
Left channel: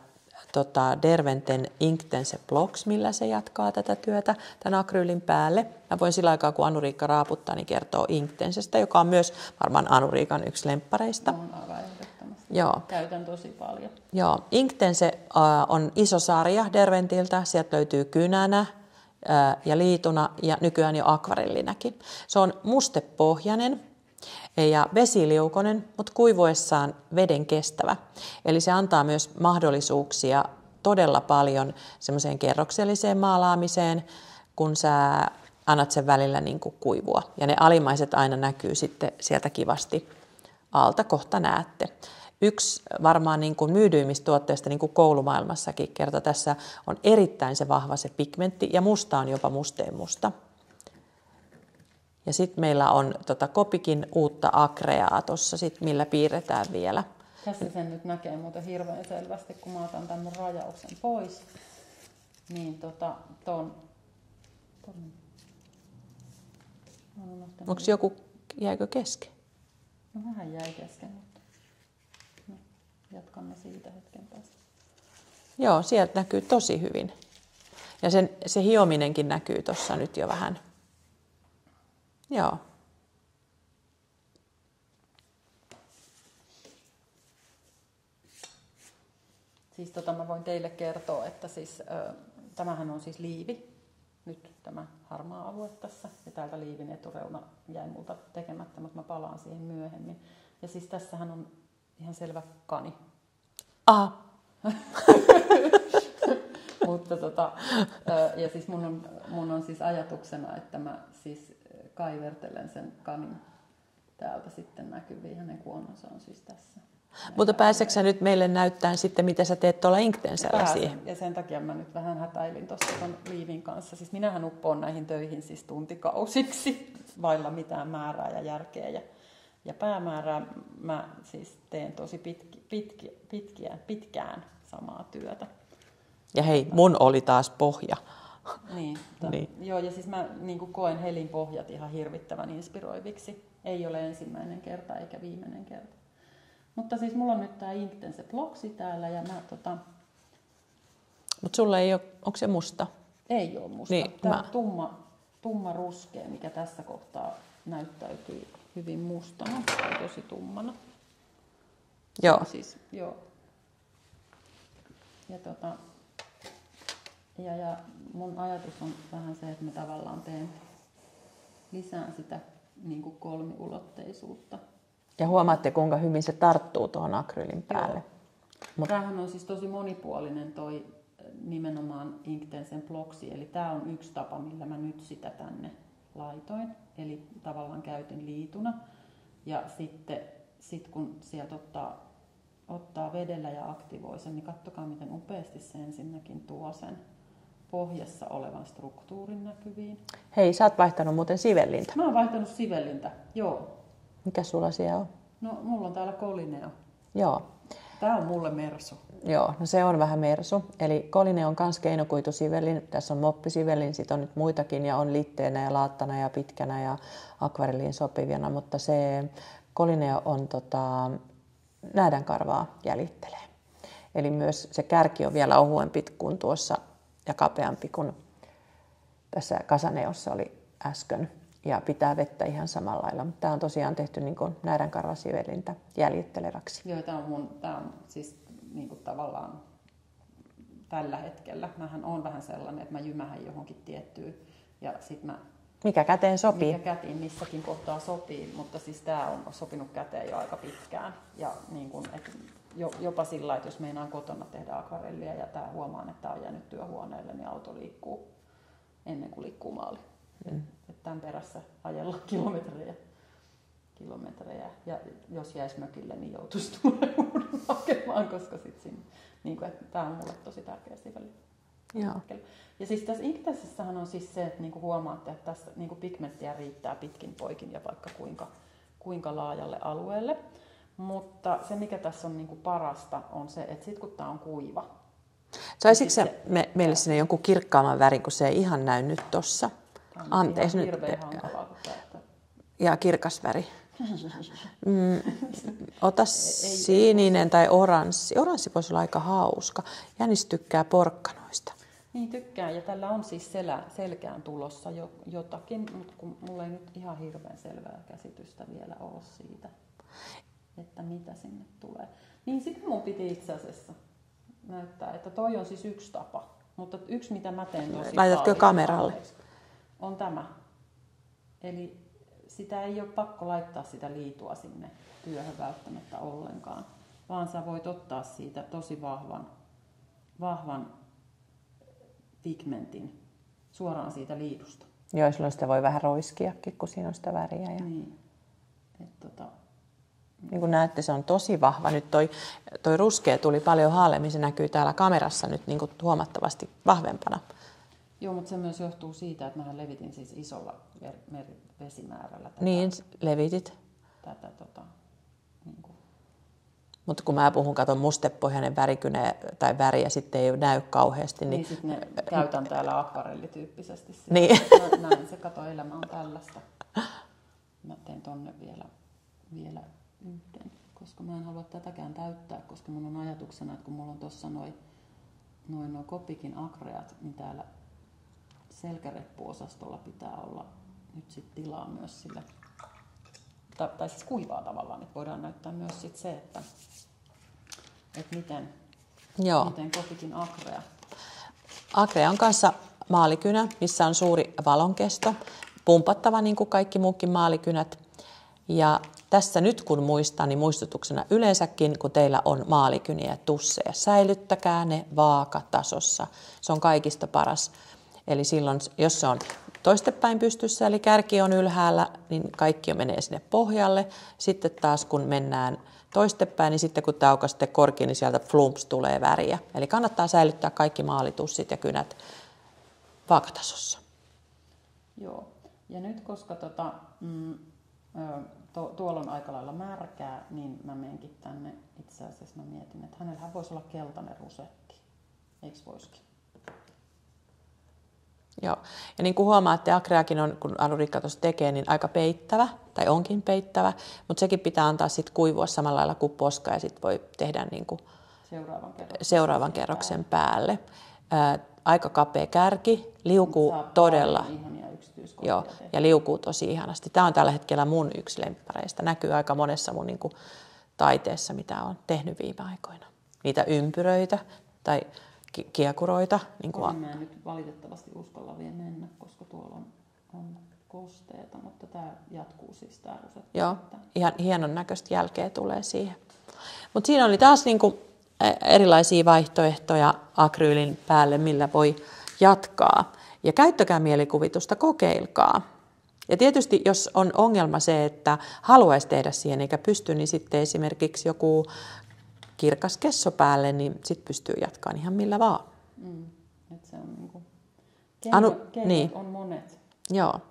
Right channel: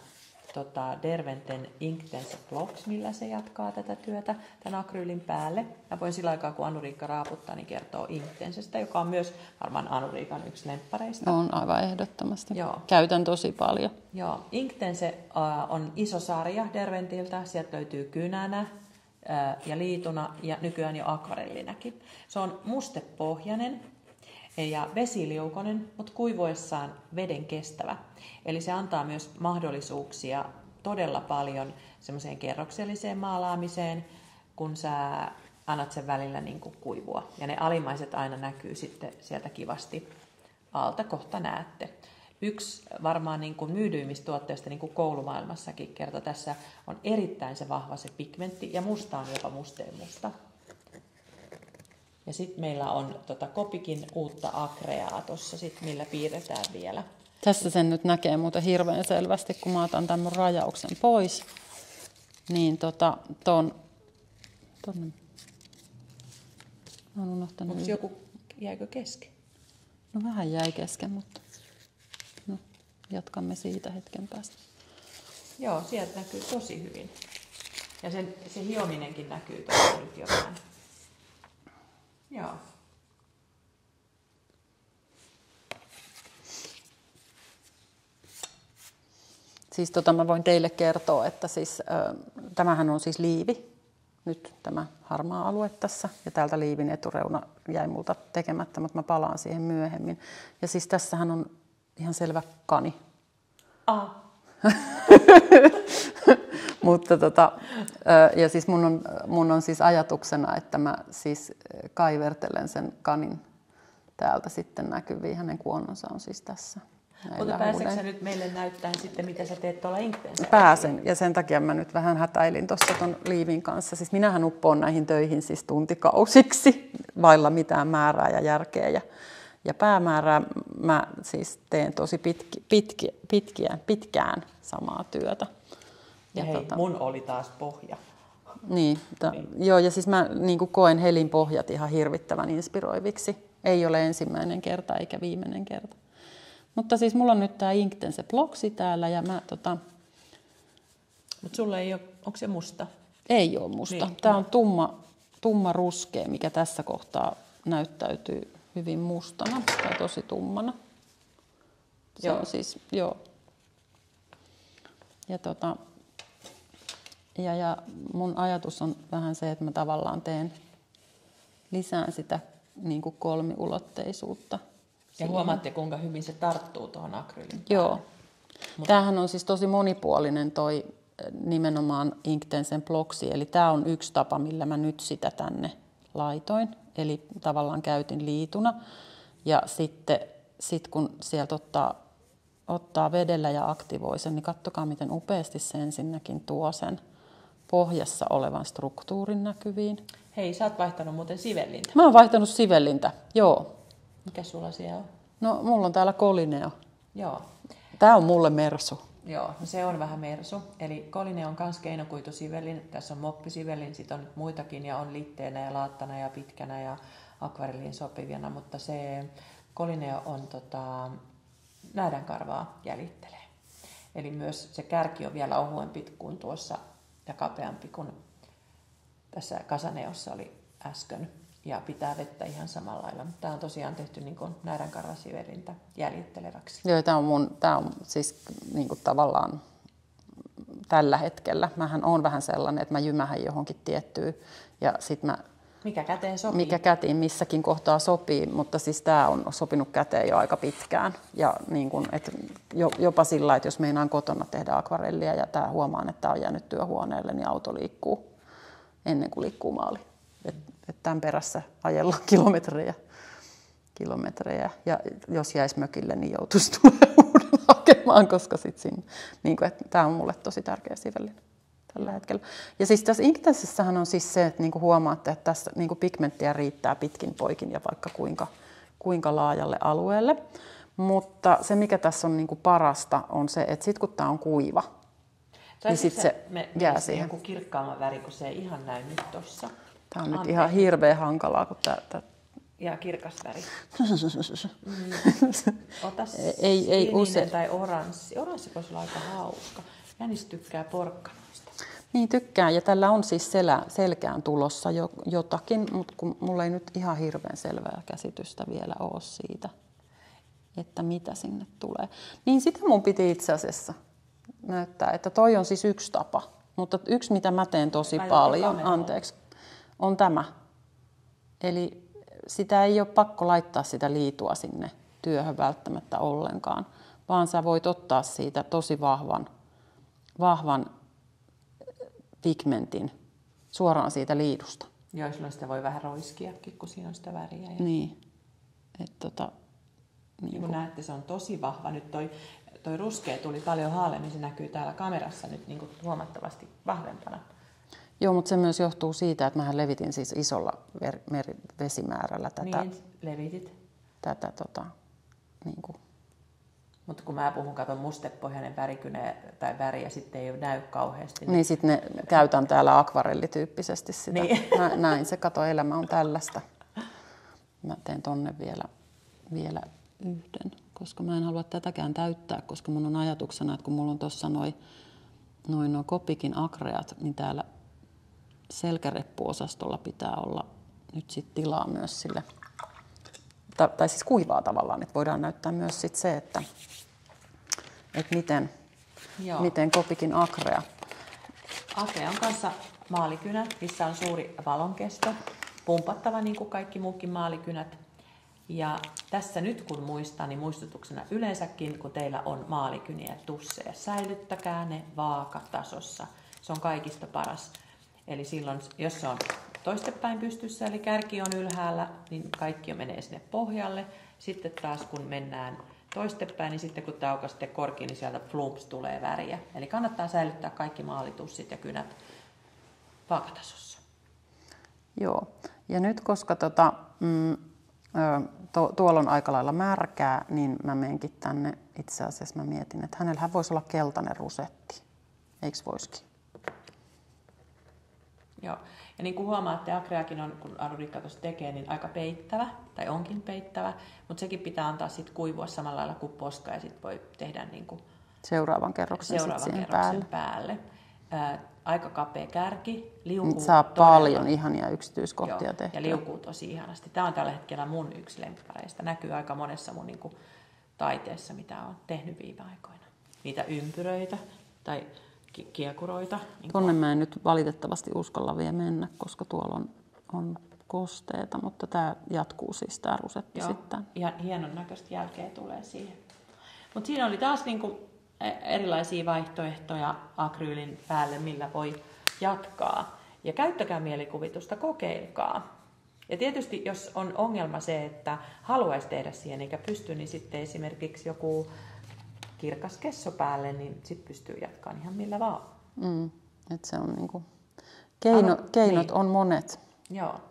Derwenten Inktense Blocks, millä se jatkaa tätä työtä tämän akryylin päälle. Mä voin sillä aikaa, kun Anu-Riikka raaputtaa, niin kertoa Inktensestä, joka on myös varmaan Anu-Riikan yksi lemppareista. On aivan ehdottomasti. Joo. Käytän tosi paljon. Joo, Inktense on iso sarja Derwentiltä. Sieltä löytyy kynänä ja liituna ja nykyään jo akvarellinäkin. Se on mustepohjainen ja vesiliukoinen, mutta kuivuessaan veden kestävä. Eli se antaa myös mahdollisuuksia todella paljon semmoiseen kerrokselliseen maalaamiseen, kun sä annat sen välillä niin kuin kuivua. Ja ne alimaiset aina näkyy sitten sieltä kivasti alta, kohta näette. Yksi varmaan niin kuin myydyimmistä tuotteista niin kuin koulumaailmassakin kerta tässä on erittäin se vahva se pigmentti ja musta on jopa musteenmusta. Ja sitten meillä on Kopikin uutta akreaa tuossa, millä piirretään vielä. Tässä sen nyt näkee muuten hirveän selvästi, kun mä otan tämän mun rajauksen pois. Niin onko joku, jäikö kesken? No vähän jäi kesken, mutta no, jatkamme siitä hetken päästä. Joo, sieltä näkyy tosi hyvin. Ja se hiominenkin näkyy tuossa nyt jo vähän. Joo. Siis mä voin teille kertoa, että siis, tämähän on siis liivi, nyt tämä harmaa alue tässä, ja täältä liivin etureuna jäi multa tekemättä, mutta mä palaan siihen myöhemmin. Ja siis tässähän on ihan selvä kani. Aha. Mutta ja siis mun on siis ajatuksena, että mä siis kaivertelen sen kanin täältä sitten näkyviin. Hänen kuonnonsa on siis tässä. Mutta pääseekö sä nyt meille näyttämään sitten, mitä sä teet tuolla Inktenserä? Pääsen, ja sen takia mä nyt vähän hätäilin tuossa ton liivin kanssa. Siis minähän uppoon näihin töihin siis tuntikausiksi, vailla mitään määrää ja järkeä. Ja päämäärää mä siis teen tosi pitkään samaa työtä. Ja hei, mun oli taas pohja. Niin. Joo, ja siis mä niin koen Helin pohjat ihan hirvittävän inspiroiviksi. Ei ole ensimmäinen kerta eikä viimeinen kerta. Mutta siis mulla on nyt tää Inktense Blocksi täällä ja mä Mut sulla ei ole, onko se musta? Ei ole musta. Niin, tää on tumma ruskea, mikä tässä kohtaa näyttäytyy hyvin mustana tai tosi tummana. Joo. Siis, joo. Ja mun ajatus on vähän se, että mä tavallaan lisään sitä niin kuin kolmiulotteisuutta. Ja huomaatte, kuinka hyvin se tarttuu tuohon akryylin päälle. Joo. Tämähän on siis tosi monipuolinen toi nimenomaan Inktensen Blocksi. Eli tää on yksi tapa, millä mä nyt sitä tänne laitoin. Eli tavallaan käytin liituna. Ja sitten kun sieltä ottaa vedellä ja aktivoi sen, niin katsokaa miten upeasti se ensinnäkin tuo sen pohjassa olevan struktuurin näkyviin. Hei, sä oot vaihtanut muuten sivellintä. Mä oon vaihtanut sivellintä, joo. Mikä sulla siellä on? No, mulla on täällä Colineo. Joo. Tää on mulle mersu. Joo, no se on vähän mersu. Eli Colineo on kans keinokuitusivellin. Tässä on moppisivellin, sit on nyt muitakin ja on litteenä ja laattana ja pitkänä ja akvarelliin sopivana, mutta se Colineo on näädänkarvaa jäljittelee. Eli myös se kärki on vielä ohuempi kuin tuossa ja kapeampi kuin tässä Casaneossa oli äsken. ja pitää vettä ihan samalla lailla. Tämä on tosiaan tehty niin kuin nääränkarvasivelintä jäljitteleväksi. Joo, tämä on siis niin kuin tavallaan tällä hetkellä. Mähän on vähän sellainen, että mä jymähän johonkin tiettyyn ja sitten mä... Mikä käteen sopii? Mikä kätiin missäkin kohtaa sopii, mutta siis tämä on sopinut käteen jo aika pitkään. Ja niin kun, jopa sillä, että jos meinaan kotona tehdä akvarellia ja huomaan, että tämä on jäänyt työhuoneelle, niin auto liikkuu ennen kuin liikkuu maaliin. Tämän perässä ajellaan kilometrejä. Ja jos jäisi mökille, niin joutuisi tulemaan hakemaan, koska niin tämä on mulle tosi tärkeä sivellinen tällä hetkellä. Ja siis tässä Inktenssissähän on siis se, että niinku huomaatte, että tässä niinku pigmenttiä riittää pitkin poikin ja vaikka kuinka laajalle alueelle. Mutta se, mikä tässä on niinku parasta, on se, että sitten kun tämä on kuiva, saisitko se meillä sinne joku kirkkaamman väri, kun se ei ihan näy nyt tossa? Tämä on ihan hirveän hankalaa, kun tämä... Ja kirkas väri. Ota sininen tai oranssi. Oranssi voisi olla aika hauska. Jänis tykkää porkkanoista. Niin tykkään, ja tällä on siis selkään tulossa jotakin, mutta kun mulla ei nyt ihan hirveän selvää käsitystä vielä ole siitä, että mitä sinne tulee. Niin sitä mun piti itse asiassa näyttää, että toi on siis yksi tapa, mutta yksi mitä mä teen tosi paljon, on tämä. Eli sitä ei ole pakko laittaa sitä liitua sinne työhön välttämättä ollenkaan, vaan sä voit ottaa siitä tosi vahvan pigmentin suoraan siitä liidusta. Joo, silloin sitä voi vähän roiskiakin, kun siinä on sitä väriä. Ja... Niin. Niin kuin näette, se on tosi vahva. Nyt toi ruskea tuli paljon haalemmin, se näkyy täällä kamerassa nyt niin kuin huomattavasti vahvempana. Joo, mutta se myös johtuu siitä, että mähän levitin siis isolla vesimäärällä tätä. Niin, levitit. Tätä niin kuin. Mutta kun mä puhun, katon mustepohjainen värikynä tai väri ja sitten ei näy kauheasti. Niin sitten ne käytän täällä akvarellityyppisesti sitä. Niin. Näin se, kato, elämä on tällaista. Mä teen tonne vielä yhden, koska mä en halua tätäkään täyttää, koska mun on ajatuksena, että kun mulla on tuossa noin Copikin akreat, niin täällä selkäreppuosastolla pitää olla nyt sit tilaa myös sille, tai siis kuivaa tavallaan, että voidaan näyttää myös sit se, että miten Copikin akrea. Akrea on kanssa maalikynä, missä on suuri valonkesto, pumpattava niin kuin kaikki muukin maalikynät. Ja tässä nyt kun muistan, niin muistutuksena yleensäkin, kun teillä on maalikyniä ja tusseja, säilyttäkää ne vaakatasossa. Se on kaikista paras. Eli silloin, jos se on toistepäin pystyssä, eli kärki on ylhäällä, niin kaikki menee sinne pohjalle. Sitten taas kun mennään toistepäin, niin sitten kun tämä aukaa sitten korki, niin sieltä flumps tulee väriä. Eli kannattaa säilyttää kaikki maalitussit ja kynät vaakatasossa. Joo, ja nyt koska tuolla on aika lailla märkää, niin mä menenkin tänne, itse asiassa mä mietin, että hänellähän voisi olla keltainen rusetti. Eikö voisikin? Joo, ja niin kuin huomaatte, akreakin on, kun Anurikka tuossa tekee, niin aika peittävä, tai onkin peittävä, mutta sekin pitää antaa sitten kuivua samalla lailla kuin poska, ja sitten voi tehdä niin kuin seuraavan kerroksen päälle. Aika kapea kärki, liukuu saa todella. Paljon ihania yksityiskohtia tehdä. Ja liukuu tosi ihanasti. Tämä on tällä hetkellä mun yksi lemppareista. Näkyy aika monessa mun niin kuin taiteessa, mitä olen tehnyt viime aikoina. Niitä ympyröitä tai kiekuroita. Niin tuonne mä en nyt valitettavasti uskalla vielä mennä, koska tuolla on kosteita, mutta tämä jatkuu siis tämä rusetti sitten. Ihan hienon näköistä jälkeä tulee siihen. Mutta siinä oli taas niin kuin erilaisia vaihtoehtoja akryylin päälle, millä voi jatkaa. Ja käyttäkää mielikuvitusta, kokeilkaa. Ja tietysti, jos on ongelma se, että haluaisi tehdä siihen eikä pysty, niin sitten esimerkiksi joku kirkas kesso päälle, niin sitten pystyy jatkamaan ihan millä vaan. Et se on niinku keinot on monet. Joo.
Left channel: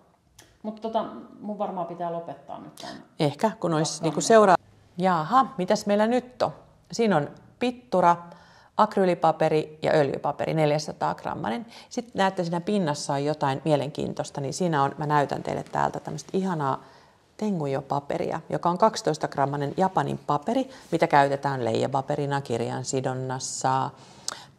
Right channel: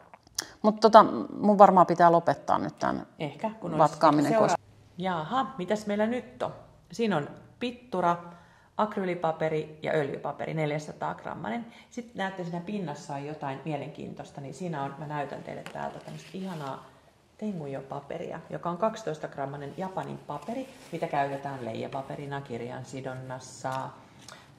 Mutta mun varmaan pitää lopettaa nyt tämän. Ehkä, kun olisi niinku seuraava. Jaha, mitäs meillä nyt on? Siinä on pittura, akryylipaperi ja öljypaperi, 400 grammanen. Sitten näette, siinä pinnassa on jotain mielenkiintoista, niin siinä on, mä näytän teille täältä tämmöistä ihanaa Tengujo-paperia, joka on 12 grammanen Japanin paperi, mitä käytetään leijapaperina kirjan sidonnassa,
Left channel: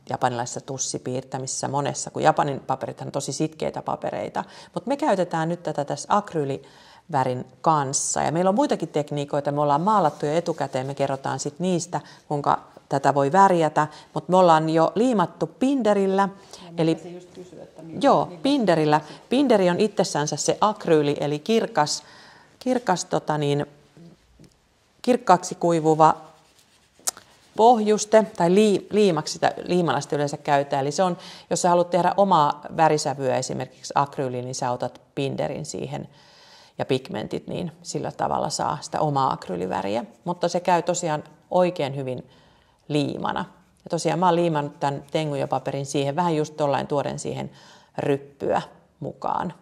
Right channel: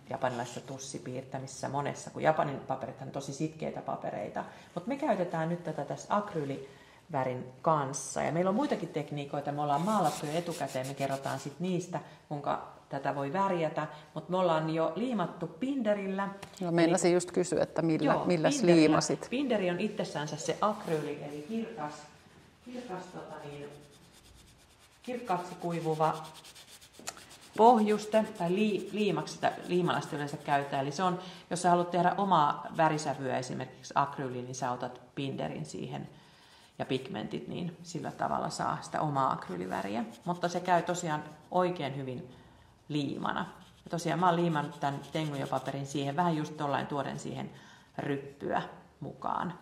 japanilaisessa tussipiirtämisessä monessa, kun Japanin paperithan on tosi sitkeitä papereita. Mutta me käytetään nyt tätä tässä akryylivärin kanssa. Ja meillä on muitakin tekniikoita, me ollaan maalattu jo etukäteen, me kerrotaan sitten niistä, kuinka tätä voi värjätä, mutta me ollaan jo liimattu binderillä. Ja meinasin just kysyä, että millä binderillä. Binderi on itsessänsä se akryyli, eli kirkkaaksi kuivuva pohjuste, tai liimaksi sitä liimalasta yleensä käytetään. Eli se on, jos sä haluat tehdä omaa värisävyä, esimerkiksi akryyliin, niin sä otat binderin siihen ja pigmentit, niin sillä tavalla saa sitä omaa akryyliväriä. Mutta se käy tosiaan oikein hyvin liimana. Ja tosiaan mä oon liimannut tämän Tenguja-paperin siihen, vähän just tollain tuoden siihen ryppyä mukaan.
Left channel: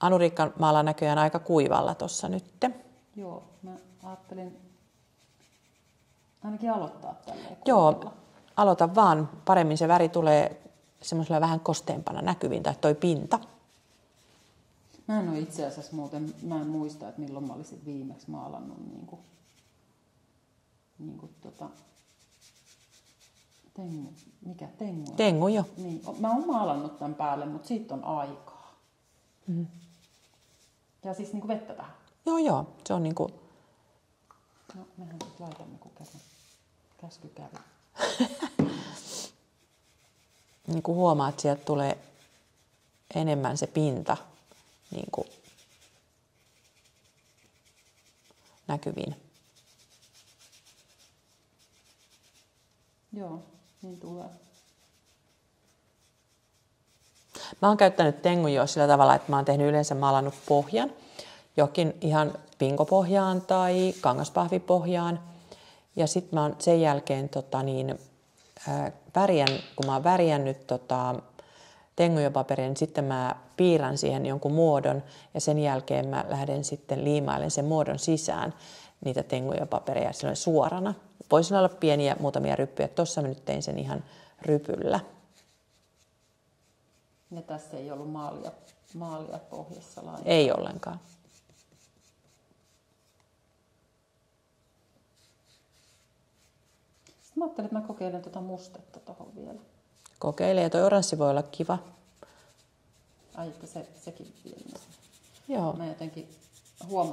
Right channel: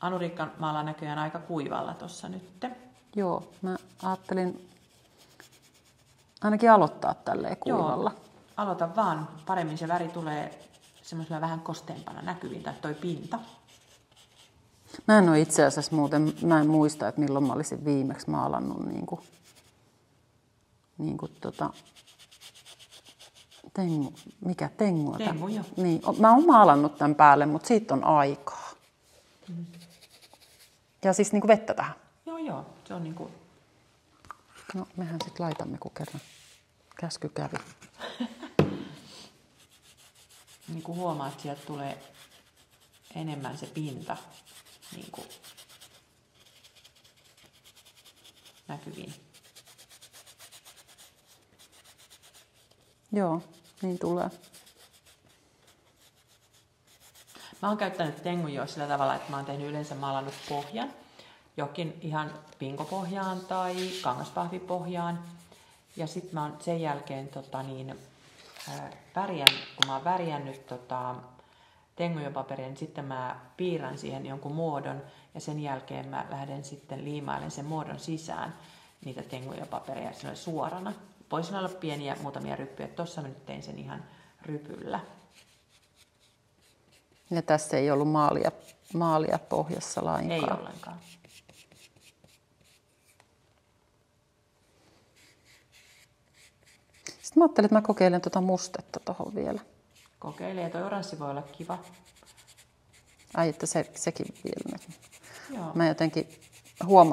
Anuriikka maalaa näköjään aika kuivalla tossa nyt. Joo, mä ajattelin ainakin aloittaa tälleen kuivalla. Joo, aloita vaan. Paremmin se väri tulee semmoisella vähän kosteempana näkyviin, tai toi pinta. Mä en ole itse asiassa muuten, mä en muista, että milloin mä olisin viimeksi maalannut Tengu? Tengu, joo. Niin, mä oon maalannut tämän päälle, mutta siitä on aikaa. Mm. Ja siis niinku vettä tähän. Joo, se on niinku... No, mehän sit laitamme, kun kerran käsky kävi. Niin kuin huomaat, että sieltä tulee enemmän se pinta niin kuin näkyviin. Joo, niin tulee. Mä oon käyttänyt Tenguja sillä tavalla, että mä oon tehnyt yleensä maalannut pohjan. Jokin ihan pinkopohjaan tai kangaspahvipohjaan. Ja sitten mä oon sen jälkeen kun mä oon värjännyt Tenguja-paperia, niin sitten mä piirrän siihen jonkun muodon ja sen jälkeen mä lähden sitten liimailemaan sen muodon sisään niitä Tenguja-papereja suorana. Voisi olla pieniä muutamia ryppyjä. Tuossa mä nyt tein sen ihan rypyllä. Ja tässä ei ollut maalia pohjassa lainkaan. Ei ollenkaan. Sitten mä ajattelin, että mä kokeilen tuota mustetta tuohon vielä. Kokeile, toi oranssi voi olla kiva. Ai, että sekin vielä. Joo. Mä jotenkin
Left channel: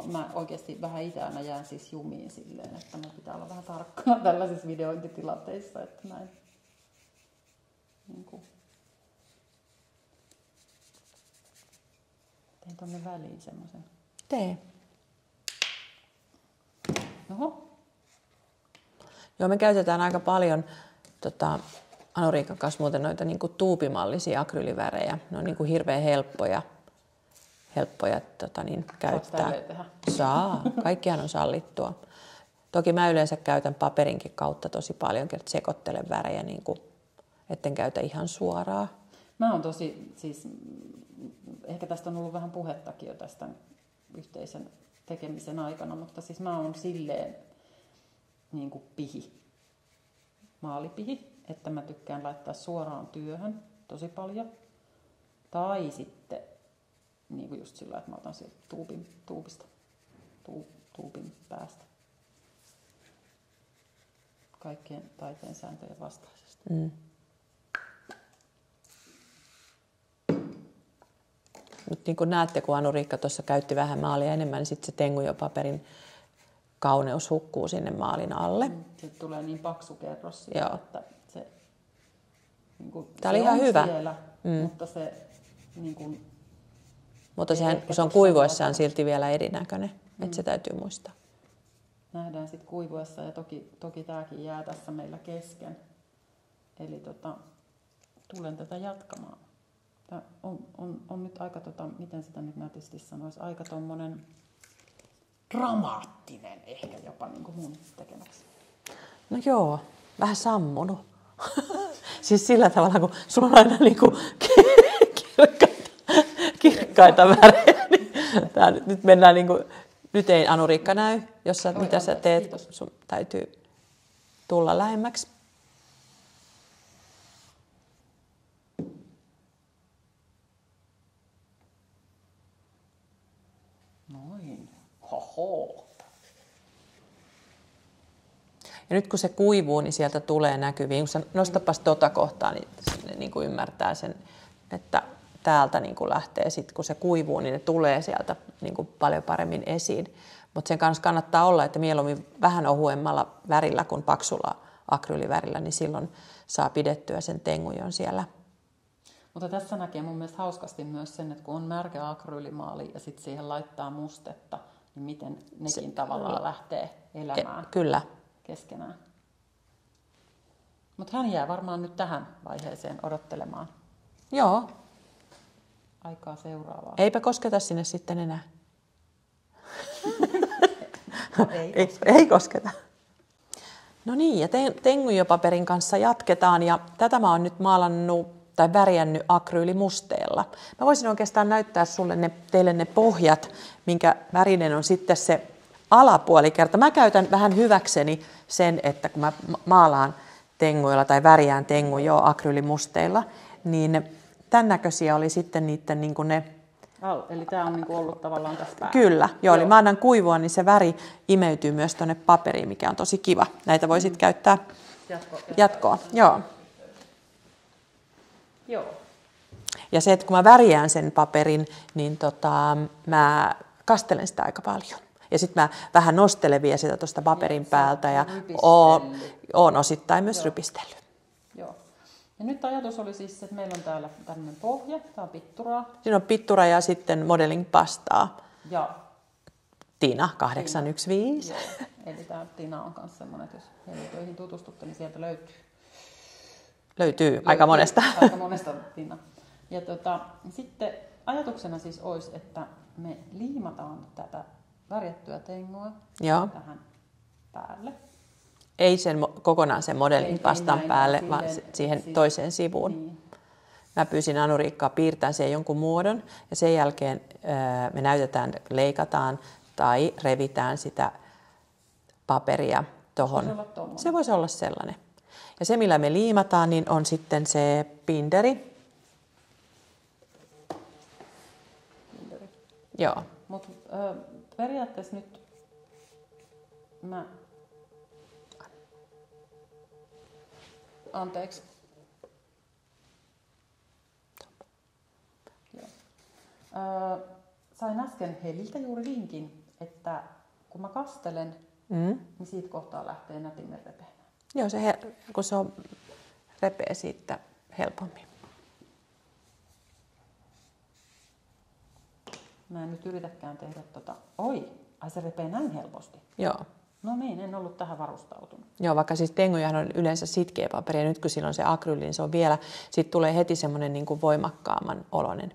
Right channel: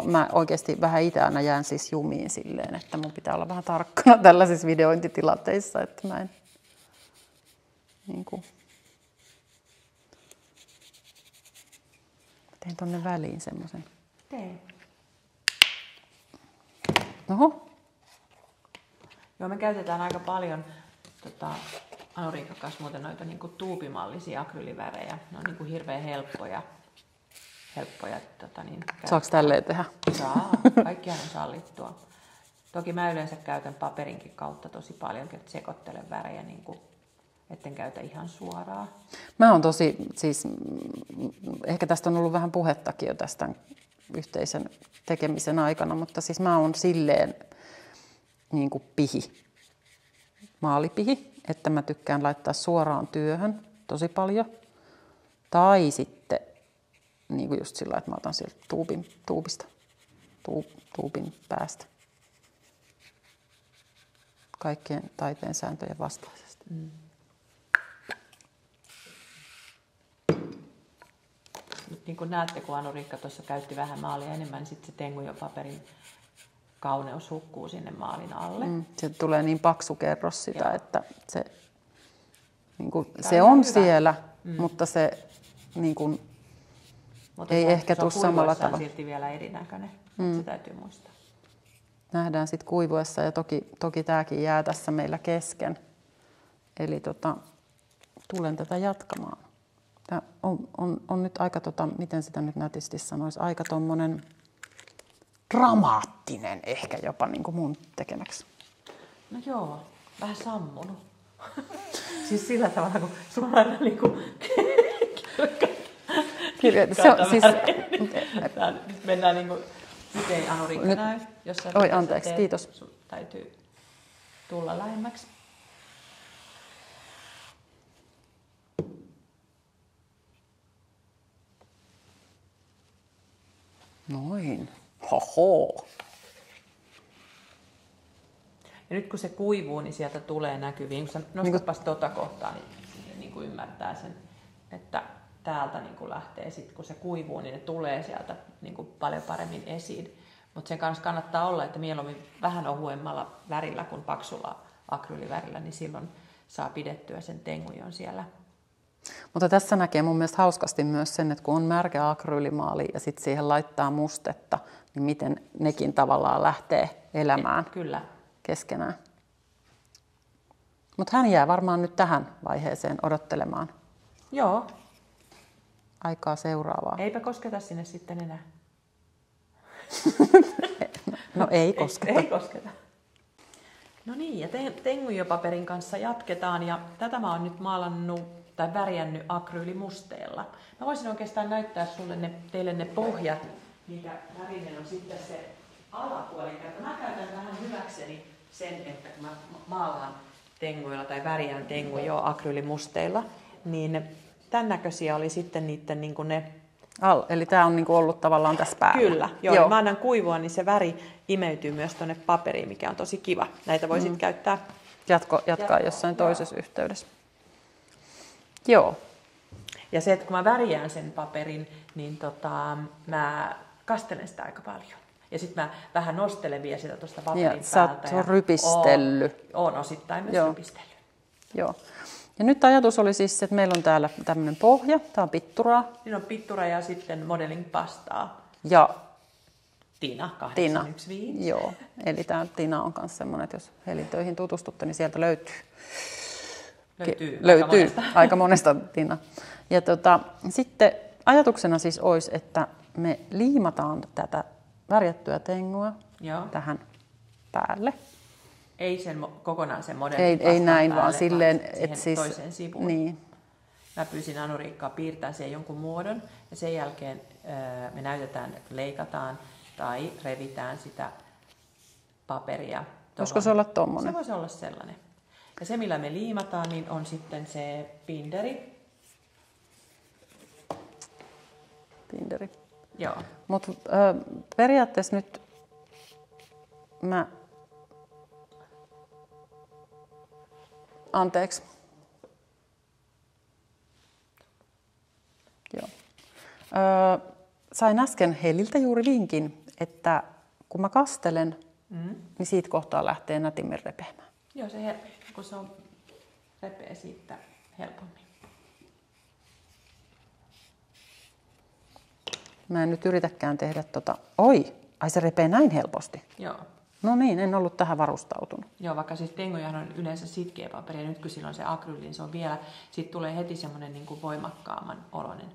mä oikeasti vähän itse aina jään siis jumiin silleen, että mun pitää olla vähän tarkkana tällaisissa videointitilanteissa, että mä en tein tonne väliin semmoisen. Tee. Oho. Joo, me käytetään aika paljon Anuriikan kanssa muuten noita niinku tuupimallisia akryyliväreja. Ne on niinku hirveän helppoja käyttää. Saako tälleen tehdä? Saa. Kaikkihan on sallittua. Toki mä yleensä käytän paperinkin kautta tosi paljon, että sekoittelen värejä, etten käytä ihan suoraan. Mä oon ehkä tästä on ollut vähän puhettakin jo tästä yhteisen tekemisen aikana, mutta siis mä oon silleen maalipihi, että mä tykkään laittaa suoraan työhön tosi paljon. Tai sitten just sillä, että mä otan sieltä tuupin päästä. Kaikkien taiteen sääntöjen vastaisesti. Mm. Nyt niin kuin näette, kun Anuriikka tuossa käytti vähän maalia enemmän, niin sitten se Tenguja-paperin kauneus hukkuu sinne maalin alle. Sieltä tulee niin paksu kerros sitä, joo, että se on hyvä siellä, mutta se mutta ei ehkä se on kuivuessaan silti vielä erinäköinen, että se täytyy muistaa. Nähdään sitten kuivuessa ja toki tämäkin jää tässä meillä kesken. Eli tulen tätä jatkamaan. Tämä on nyt aika, miten sitä nyt nätisti sanoisi, aika tommonen dramaattinen ehkä jopa niin kuin mun tekemäksi. No joo, vähän sammunut. Siis sillä tavalla, kun sulla on aina niinku kirkkaita värejä. Nyt mennään niinku, nyt ei Anuriikka näy, jos sä teet, kiitos. Sun täytyy tulla lähemmäksi. Noin. Hoho. Ja nyt kun se kuivuu, niin sieltä tulee näkyviin. Kun sä nostatpas tota kohtaa, niin sinne niin kuin ymmärtää sen, että täältä niin kuin lähtee. Sitten kun se kuivuu, niin ne tulee sieltä niin kuin paljon paremmin esiin. Mutta sen kanssa kannattaa olla, että mieluummin vähän ohuemmalla värillä kuin paksulla akryylivärillä, niin silloin saa pidettyä sen tengujon siellä. Mutta tässä näkee mun mielestä hauskasti myös sen, että kun on märkä akryylimaali ja sitten siihen laittaa mustetta, niin miten nekin tavallaan lähtee elämään Kyllä. keskenään. Mutta hän jää varmaan nyt tähän vaiheeseen odottelemaan Joo. aikaa seuraavaa. Eipä kosketa sinne sitten enää. No ei kosketa. Ei kosketa. No niin, ja tengujopaperin kanssa jatketaan, ja tätä mä oon nyt maalannut tai värjännyt akryylimusteella. Mä voisin oikeastaan näyttää teille ne pohjat, minkä värinen on sitten se alapuolikerta. Mä käytän vähän hyväkseni sen, että kun mä maalaan tenguilla tai värjään tengujoa akryylimusteilla, niin tämän näköisiä oli sitten niiden niin kuin ne... Eli tämä on niinku ollut tavallaan tässä päällä. Kyllä, joo. Mä annan kuivua, niin se väri imeytyy myös tuonne paperiin, mikä on tosi kiva. Näitä voi sitten käyttää Jatkaa jossain joo. toisessa yhteydessä. Joo. Ja se, että kun mä värjään sen paperin, niin mä kastelen sitä aika paljon. Ja sitten mä vähän nostelen vielä sitä tuosta paperin päältä. Ja rypistellyt. Oon osittain myös rypistellyt. Joo. Ja nyt ajatus oli siis, että meillä on täällä tämmöinen pohja. Tämä on pitturaa. Siinä on pittura ja sitten modeling pastaa. Ja Tina 815. Joo, eli tämä Tina on myös semmoinen, että jos helintöihin tutustutte, niin sieltä löytyy aika monesta. Aika monesta Tina. Ja sitten ajatuksena siis olisi, että me liimataan tätä värjättyä tengua tähän päälle. Ei kokonaan sen modelin pastan näin, päälle, silleen, vaan siihen siis, toiseen sivuun. Niin. Mä pyysin Anu-Riikkaa piirtämään siihen jonkun muodon ja sen jälkeen me leikataan tai revitään sitä paperia. Voisiko se olla tommoinen? Se voisi olla sellainen. Ja se, millä me liimataan, niin on sitten se binderi. Binderi. Joo. Mutta periaatteessa nyt Anteeksi. Joo. Sain äsken Heliltä juuri vinkin, että kun mä kastelen, niin siitä kohtaa lähtee nätimmin repeämään. Joo, kun se on repeä siitä helpommin. Mä en nyt yritäkään tehdä Ai se repee näin helposti. Joo. No niin, en ollut tähän varustautunut. Joo, vaikka siis tengujahan on yleensä sitkeä paperi ja nyt kun sillä on se akryyli, niin se on vielä, sitten tulee heti semmoinen niin kuin voimakkaamman oloinen.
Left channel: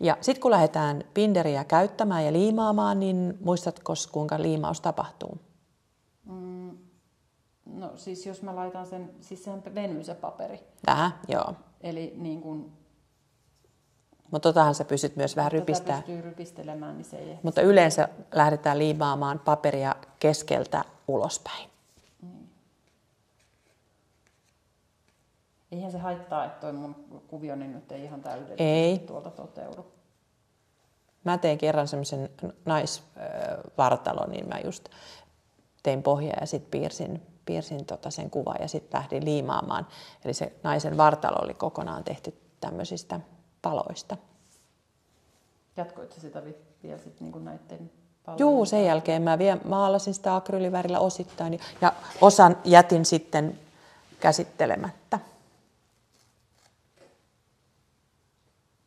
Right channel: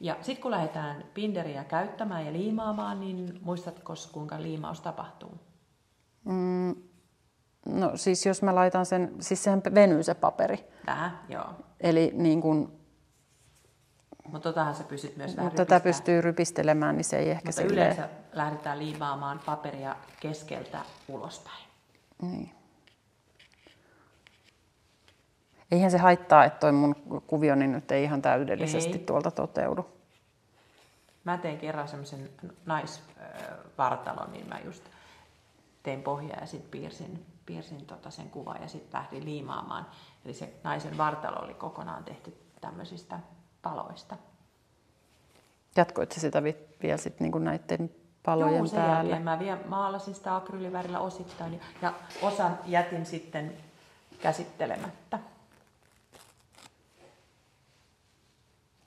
Ja sitten kun lähdetään binderiä käyttämään ja liimaamaan, niin muistatko kuinka liimaus tapahtuu? No siis jos mä laitan sen, siis sehän venyy se paperi. Vähän, joo. Eli niin kuin... Mutta totahan sä pystyt myös vähän rypistämään. Tätä pystyy rypistelemään, niin se ei ehkä... Mutta yleensä lähdetään liimaamaan paperia keskeltä ulospäin. Niin. Eihän se haittaa, että toi mun kuvioni nyt ei ihan täydellisesti tuolta toteudu. Mä tein kerran semmoisen naisvartalon, niin mä just tein pohjaa ja sitten piirsin sen kuvan ja sitten lähdin liimaamaan. Eli se naisen vartalo oli kokonaan tehty tämmöisistä paloista. Jatkoitko sitä vielä sit niinku näiden palojen Joo, sen päälle? jälkeen mä vielä maalasin sitä akryylivärillä osittain ja osan jätin sitten käsittelemättä.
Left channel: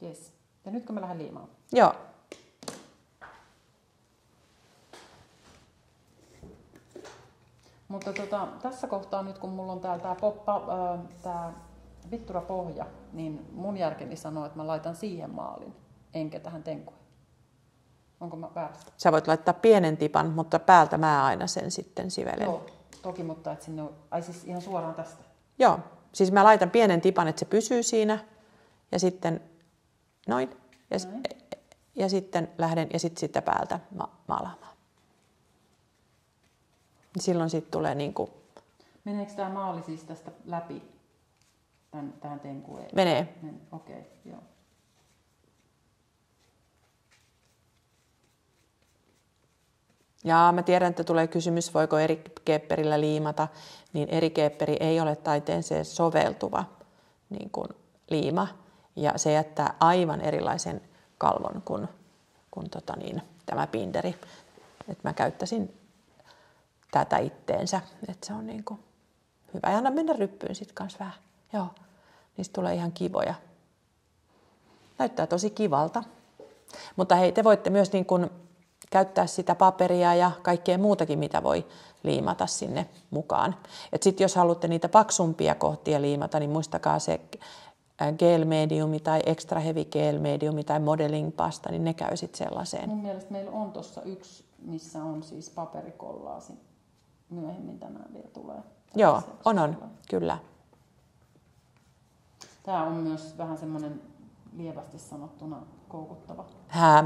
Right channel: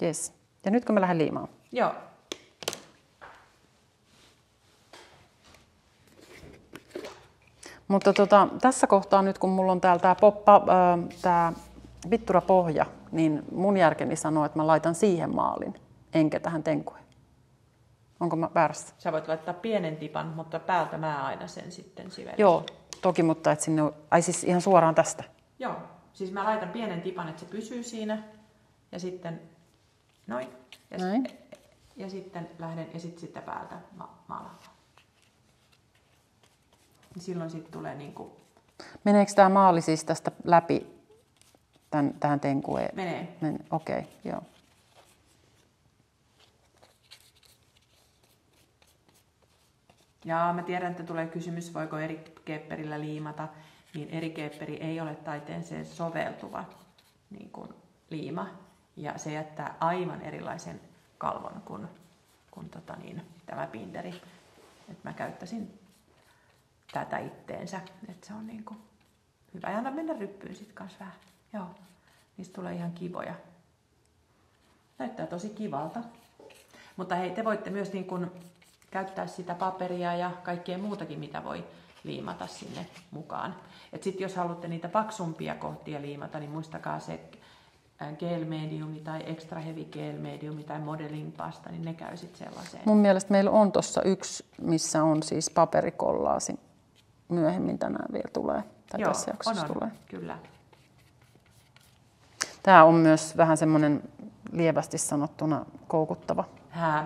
Yes. Ja nyt kun mä lähden liimaan. Joo. Mutta tässä kohtaa nyt kun mulla on täällä tää pitturapohja, niin mun järkeni sanoo, että mä laitan siihen maalin, enkä tähän tenkuihin. Onko mä väärässä? Sä voit laittaa pienen tipan, mutta päältä mä aina sen sitten sivelen. Joo, toki, mutta et sinne siis ihan suoraan tästä. Joo, siis mä laitan pienen tipan, että se pysyy siinä ja sitten noin. Ja sitten lähden ja sitten sitä päältä maalaamaan. Silloin sitten tulee niinku... Meneekö tämä maali siis tästä läpi tähän tenkueen? Menee. Okei, joo. Ja mä tiedän, että tulee kysymys, voiko eri kepperillä liimata, niin erikeepperi ei ole taiteeseen soveltuva niin kuin liima. Ja se jättää aivan erilaisen kalvon kuin tämä binderi. Et mä käyttäisin tätä itteensä, että se on niin kuin hyvä. Ja anna mennä ryppyyn sitten kanssa vähän. Joo, niistä tulee ihan kivoja. Näyttää tosi kivalta. Mutta hei, te voitte myös niin kuin käyttää sitä paperia ja kaikkea muutakin, mitä voi liimata sinne mukaan. Sitten jos haluatte niitä paksumpia kohtia liimata, niin muistakaa se gel mediumi tai extra heavy gel mediumi tai modeling pasta, niin ne käy sitten sellaiseen. Mun mielestä meillä on tuossa yksi, missä on siis paperikollaasi. Myöhemmin tänään vielä tulee. Joo, on, kyllä. Tämä on myös vähän semmoinen lievästi sanottuna koukuttava.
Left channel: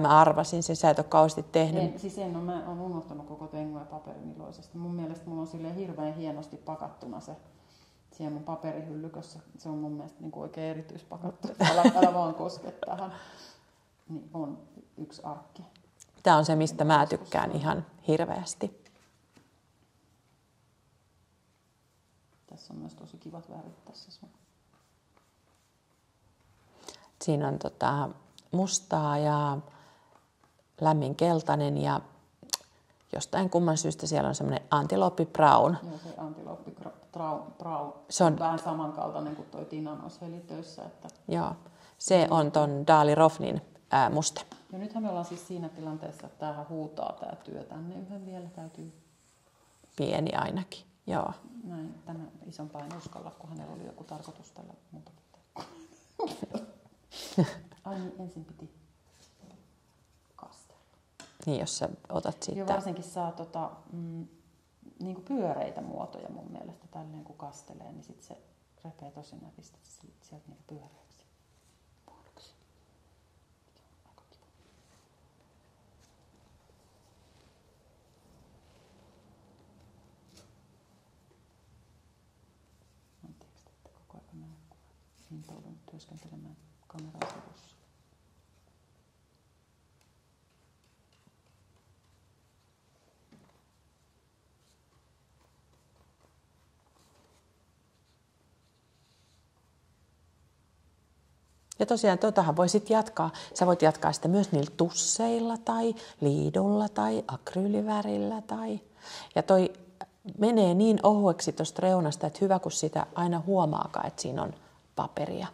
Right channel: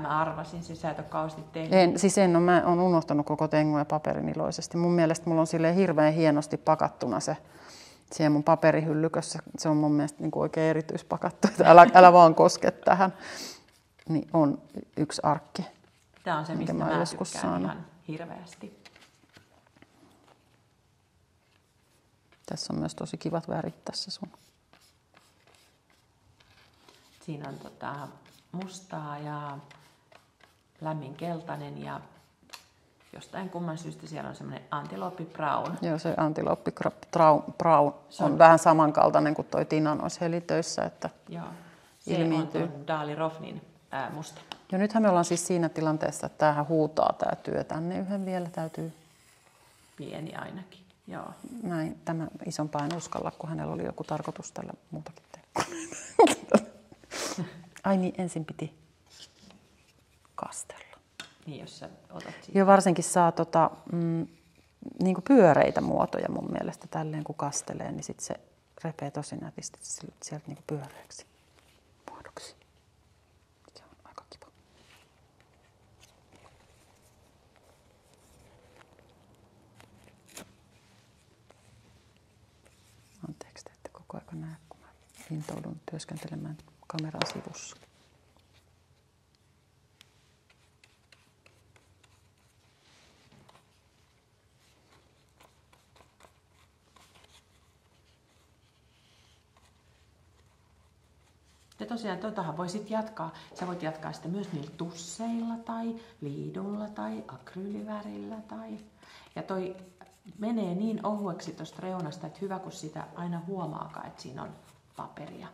Mä arvasin sen, sä et ole kauheasti tehnyt. Mä oon unohtanut koko tengun ja paperin iloisesti. Mun mielestä mulla on silleen hirveän hienosti pakattuna se siellä mun paperihyllykössä. Se on mun mielestä niin kuin oikein erityispakattu, että älä vaan koske tähän. Niin on yksi arkki. Tämä on se, mistä mä tykkään ihan hirveästi. Tässä on myös tosi kivat värit tässä sun. Siinä on mustaa ja lämmin keltainen ja jostain kumman syystä siellä on semmoinen antilooppi brown. Joo, se antilooppi brown. Se on vähän samankaltainen kuin toi Tinan olisi helitöissä. Että joo, se on ton Dali Rofnin musta. Ja nythän me ollaan siis siinä tilanteessa, että tämähän huutaa tämä työ tänne yhden vielä täytyy. Pieni ainakin, joo. Näin, tämä isompaa en uskalla, kun hänellä oli joku tarkoitus tällä muutakin tehdä. Ai niin, ensin piti kastella. Niin, jos sä otat siitä. Joo, varsinkin saa niin kuin pyöreitä muotoja mun mielestä tälleen, kun kastelee, niin sit se repee tosi nätisti sieltä niin kuin pyöreäksi muodoksi. Se on aika kiva. Anteeksi, että koko ajan näe, kun mä intoudun työskentelemään kameran sivussa. Ja tosiaan tuotahan voi sitten jatkaa. Sä voit jatkaa sitä myös niillä tusseilla tai liidulla tai akryylivärillä. Ja toi menee niin ohueksi tuosta reunasta, että hyvä kun sitä aina huomaakaan, että siinä on paperia.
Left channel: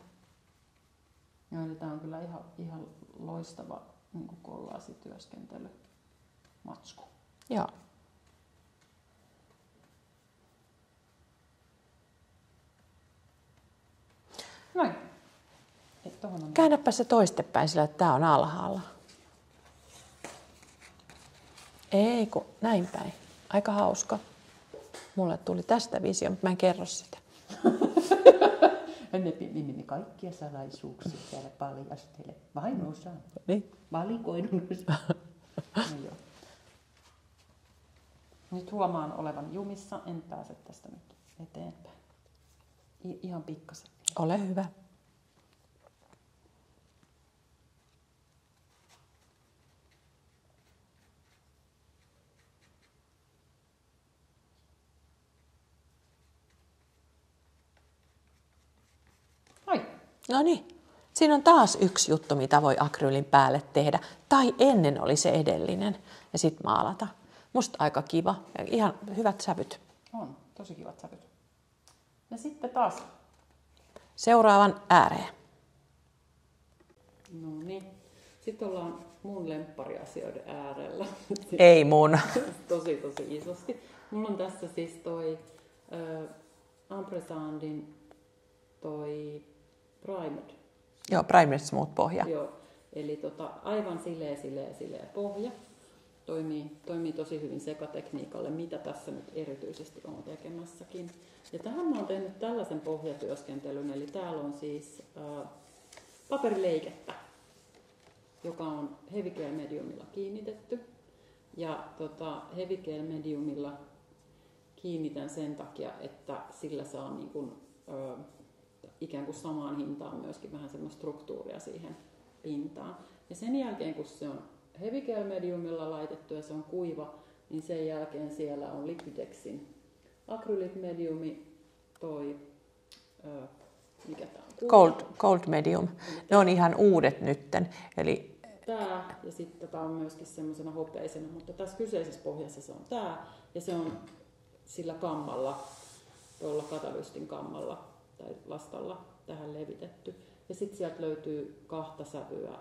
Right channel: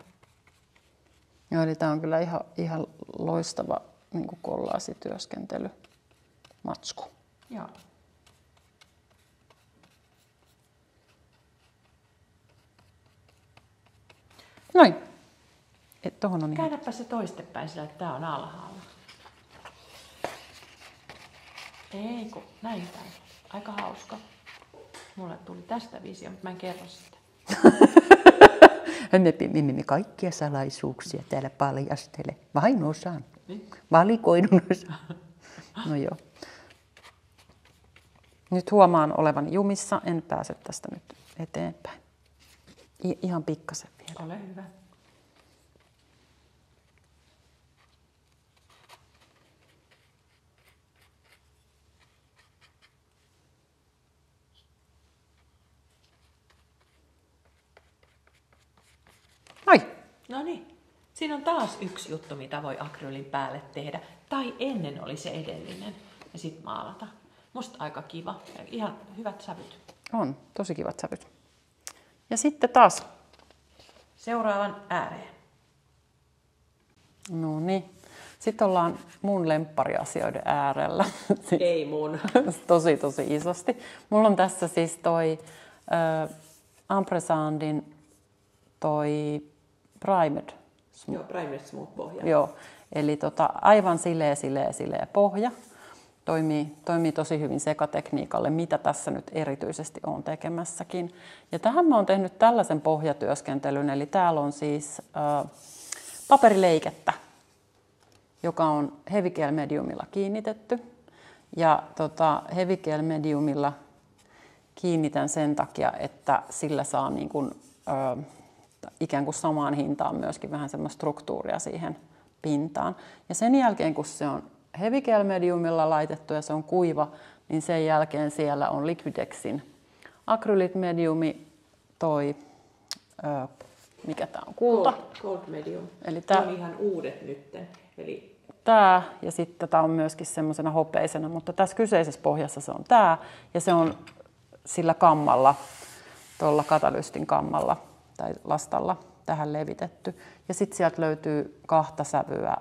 Joo, eli tää on kyllä ihan loistava niin kuin kollaasityöskentely matsku. Joo. Noin. Tohon on käännäpä se toistepäin sillä, että tää on alhaalla. Ei kun näin päin. Aika hauska. Mulle tuli tästä visio, mutta mä en kerro sitä. Me kaikkia salaisuuksia täällä paljastele. Vain osaan. Niin. Valikoidun osaan. No joo. Nyt huomaan olevan jumissa. En pääse tästä nyt eteenpäin. Ihan pikkasen vielä. Ole hyvä. Ai. No niin. Siinä on taas yksi juttu, mitä voi akryylin päälle tehdä. Tai ennen oli se edellinen. Ja sitten maalata. Musta aika kiva. Ja ihan hyvät sävyt. On. Tosi kivat sävyt. Ja sitten taas seuraavan ääreen. No niin. Sitten ollaan mun lemppariasioiden äärellä. Ei mun. tosi isosti. Mulla on tässä siis toi Ampersandin toi Primed. Joo, Primed Smooth pohja. Joo, eli aivan sileä pohja. Toimii tosi hyvin sekatekniikalle, mitä tässä nyt erityisesti on tekemässäkin. Ja tähän mä oon tehnyt tällaisen pohjatyöskentelyn, eli täällä on siis paperileikettä, joka on Heavy Gel Mediumilla kiinnitetty. Ja Heavy Gel Mediumilla kiinnitän sen takia, että sillä saa niin kuin, ikään kuin samaan hintaan myöskin vähän semmoista struktuuria siihen pintaan. Ja sen jälkeen, kun se on Heavy Gel Mediumilla laitettu ja se on kuiva, niin sen jälkeen siellä on Liquidexin Acrylic mediumi, toi, mikä tää on? Kulta. Cold medium. Eli Ne on ihan uudet nytten. Eli tää ja sitten tää on myöskin semmoisena hopeisena, mutta tässä kyseisessä pohjassa se on tää ja se on sillä kammalla, tuolla katalystin kammalla tai lastalla tähän levitetty. Ja sitten sieltä löytyy 2 sävyä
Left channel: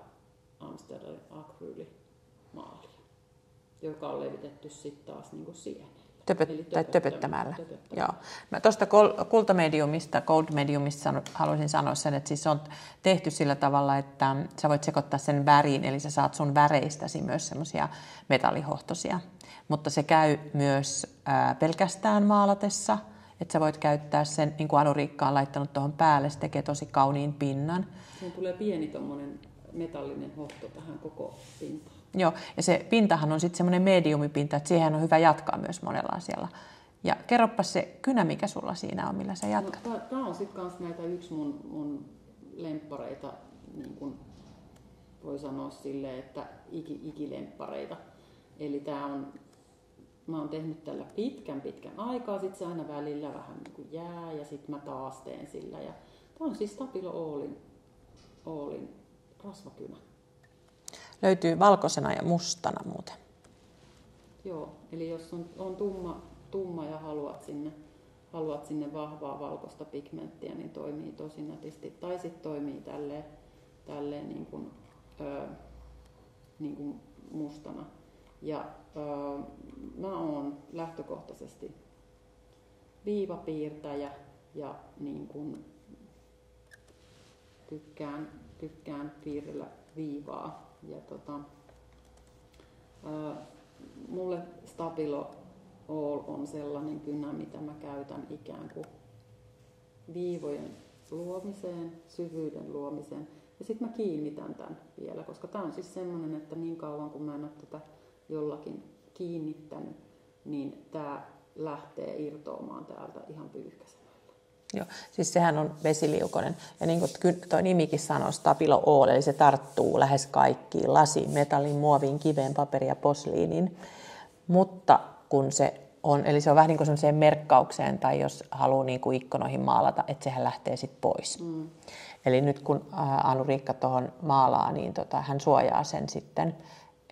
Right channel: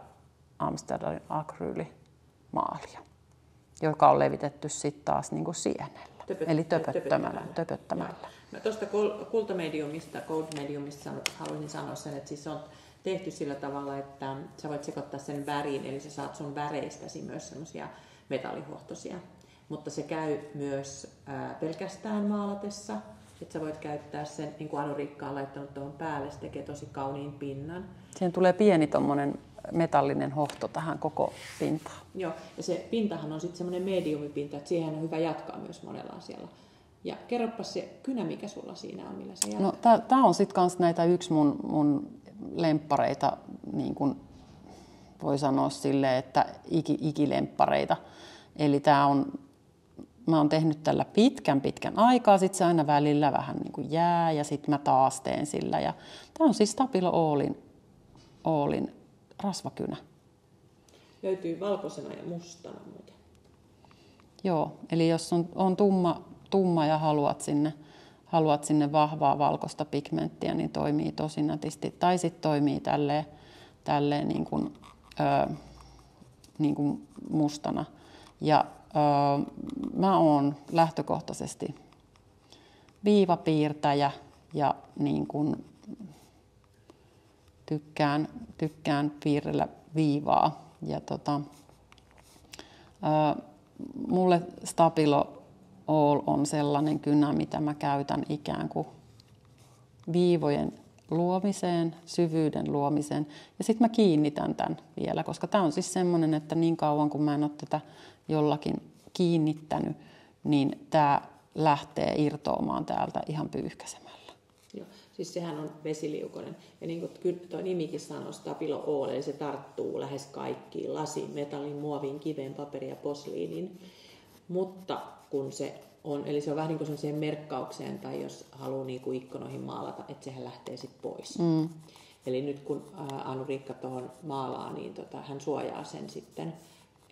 Amsterdamin akryylimaalia, joka on levitetty sitten taas niin kuin sienellä. Eli töpöttämällä. Mä tuosta kultamediumista, gold mediumista haluaisin sanoa sen, että siis se on tehty sillä tavalla, että sä voit sekoittaa sen väriin, eli sä saat sun väreistäsi myös semmoisia metallihohtoisia. Mutta se käy myös pelkästään maalatessa, että sä voit käyttää sen, niin kuin Anu-Riikka on laittanut tuohon päälle, se tekee tosi kauniin pinnan. Siihen tulee pieni tommonen metallinen hohto tähän koko pintaan. Joo, ja se pintahan on sitten semmoinen mediumipinta, että siihen on hyvä jatkaa myös monella asialla. Ja kerropas se kynä, mikä sulla siinä on, millä sä jatkat. No, tää on sitten kans näitä yksi mun lemppareita, niin kuin voi sanoa silleen, että ikilemppareita. Eli mä oon tehnyt tällä pitkän aikaa, sit se aina välillä vähän niin kuin jää ja sit mä taas teen sillä. Ja tää on siis Stabilo Allin rasvakynä. Löytyy valkoisena ja mustana muuten. Joo, eli jos on tumma ja haluat sinne vahvaa valkoista pigmenttiä, niin toimii tosi nätisti. Tai sitten toimii tälleen niin kuin mustana. Ja mä oon lähtökohtaisesti viivapiirtäjä ja niin kuin tykkään piirrellä viivaa. Ja mulle Stabilo All on sellainen kynä, mitä mä käytän ikään kuin viivojen luomiseen, syvyyden luomiseen. Ja sitten mä kiinnitän tämän vielä, koska tämä on siis semmoinen, että niin kauan kun mä en ole tätä jollakin kiinnittänyt, niin tämä lähtee irtoamaan täältä ihan pyyhkäisemällä. Joo, siis sehän on vesiliukoinen. Ja niin kuin tuo nimikin sanoo, Stabilo All, eli se tarttuu lähes kaikkiin lasiin, metalliin, muoviin, kiveen, paperiin ja posliiniin. Mutta kun se on, eli se on vähän niin kuin sellaiseen merkkaukseen, tai jos haluaa niin kuin ikkunoihin maalata, että sehän lähtee sitten pois. Eli nyt kun Anu-Riikka tuohon maalaa, niin hän suojaa sen sitten,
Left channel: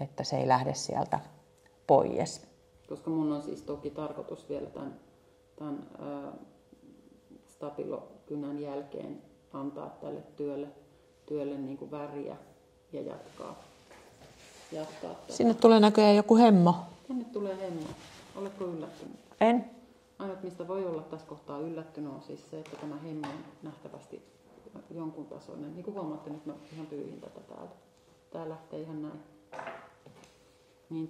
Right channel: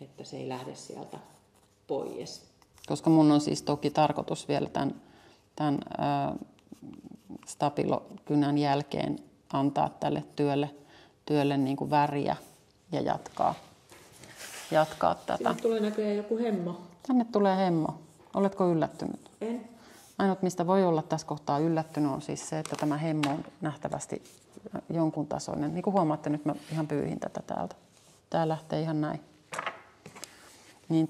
että se ei lähde sieltä pois. Koska mun on siis toki tarkoitus vielä tämän Stabilo-kynän jälkeen antaa tälle työlle niin kuin väriä ja jatkaa tätä. Sinne tulee näköjään joku hemmo. Tänne tulee hemmo. Oletko yllättynyt? En. Ainut, mistä voi olla tässä kohtaa yllättynyt, on siis se, että tämä hemmo on nähtävästi jonkun tasoinen. Niin kuin huomaatte, nyt mä ihan pyyhin tätä täältä. Tää lähtee ihan näin. Niin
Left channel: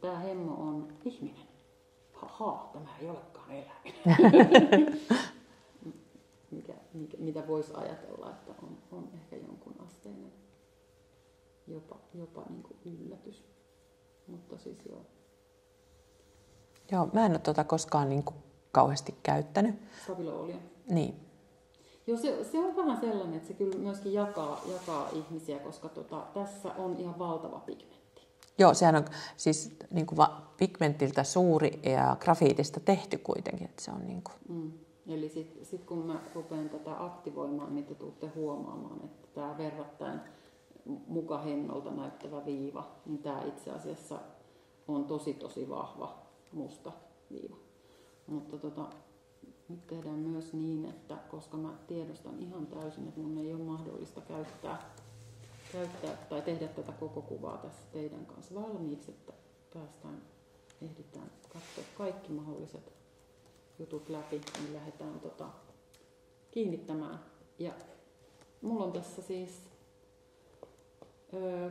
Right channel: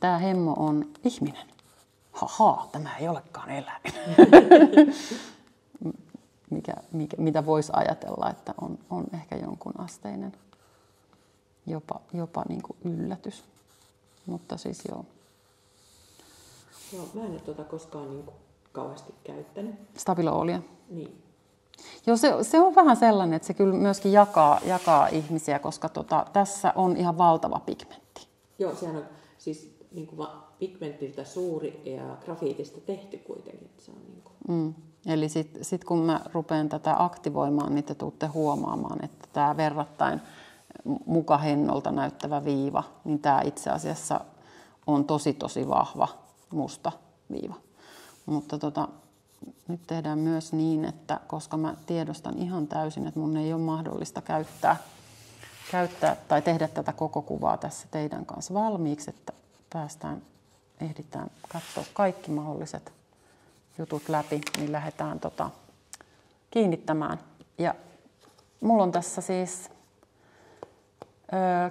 tää hemmo on ihminen. Haha, tämä ei olekaan eläin. Mitä voisi ajatella, että on ehkä jonkun asteinen jopa niin kuin yllätys. Mutta siis joo. Joo, mä en ole koskaan niin kuin kauheasti käyttänyt. Stabilo Allia. Niin. Joo, se on vähän sellainen, että se kyllä myöskin jakaa ihmisiä, koska tässä on ihan valtava pigmentti. Joo, sehän on siis niin kuin pigmentiltä suuri ja grafiitista tehty kuitenkin. Että se on niin kuin. Eli sit kun mä rupean tätä aktivoimaan, niin te tuutte huomaamaan, että tämä verrattain mukahennolta näyttävä viiva, niin tämä itse asiassa on tosi vahva musta viiva. Mutta nyt tehdään myös niin, että koska mä tiedostan ihan täysin, että mun ei ole mahdollista käyttää tai tehdä tätä koko kuvaa tässä teidän kanssa valmiiksi, että ehditään katsoa kaikki mahdolliset jutut läpi, niin lähdetään kiinnittämään. Ja mulla on tässä siis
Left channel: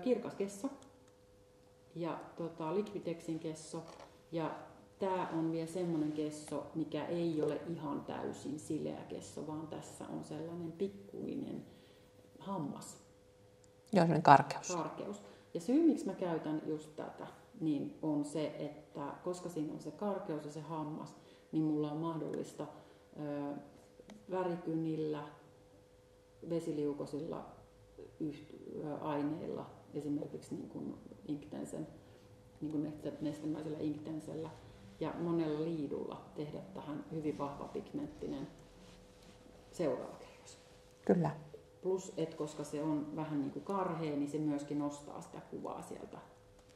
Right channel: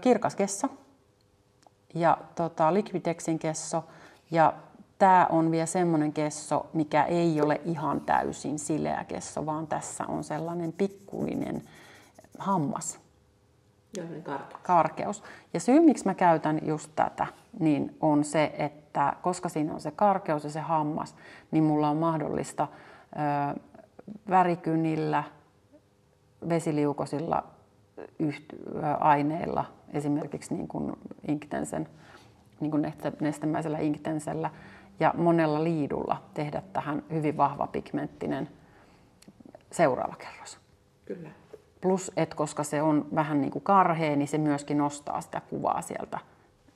kirkas kesso ja Liquitexin kesso. Ja tää on vielä semmoinen kesso, mikä ei ole ihan täysin sileä kesso, vaan tässä on sellainen pikkuinen hammas. Joo, sellainen karkeus. Ja syy, miksi mä käytän just tätä, niin on se, että koska siinä on se karkeus ja se hammas, niin mulla on mahdollista värikynillä, vesiliukoisilla aineilla, esimerkiksi niin kuin Inktensen, niin kuin nestemäisellä Inktensellä ja monella liidulla tehdä tähän hyvin vahva pigmenttinen seuraava kerros. Kyllä. Plus, että koska se on vähän niin kuin karhea, niin se myöskin nostaa sitä kuvaa sieltä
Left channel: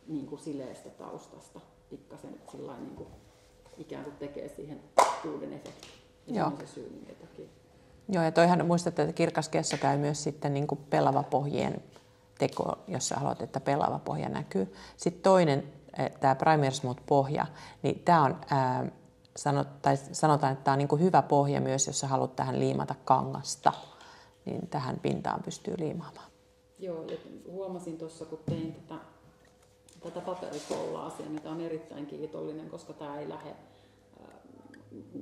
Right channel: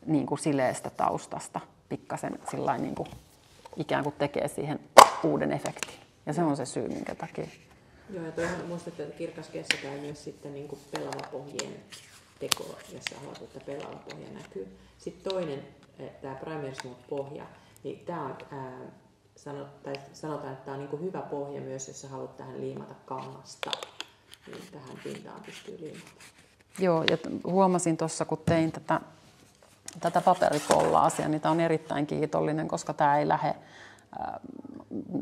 niin kuin sileästä taustasta pikkasen sillain niin kuin ikään kuin tekee siihen uuden efektin. Ja se on se syy, minkä takia. Joo, ja toihan muistat, että kirkas kesso käy myös sitten niin kuin pelava pohjien teko, jos sä haluat, että pelava pohja näkyy. Sitten toinen, tämä Primer Smooth pohja, niin tämä on, sanotaan, että tämä on niin kuin hyvä pohja myös, jos sä haluat tähän liimata kangasta, niin tähän pintaan pystyy liimaamaan. Joo, ja huomasin tuossa, kun tein tätä paperikollaasia, niin tämä on erittäin kiitollinen, koska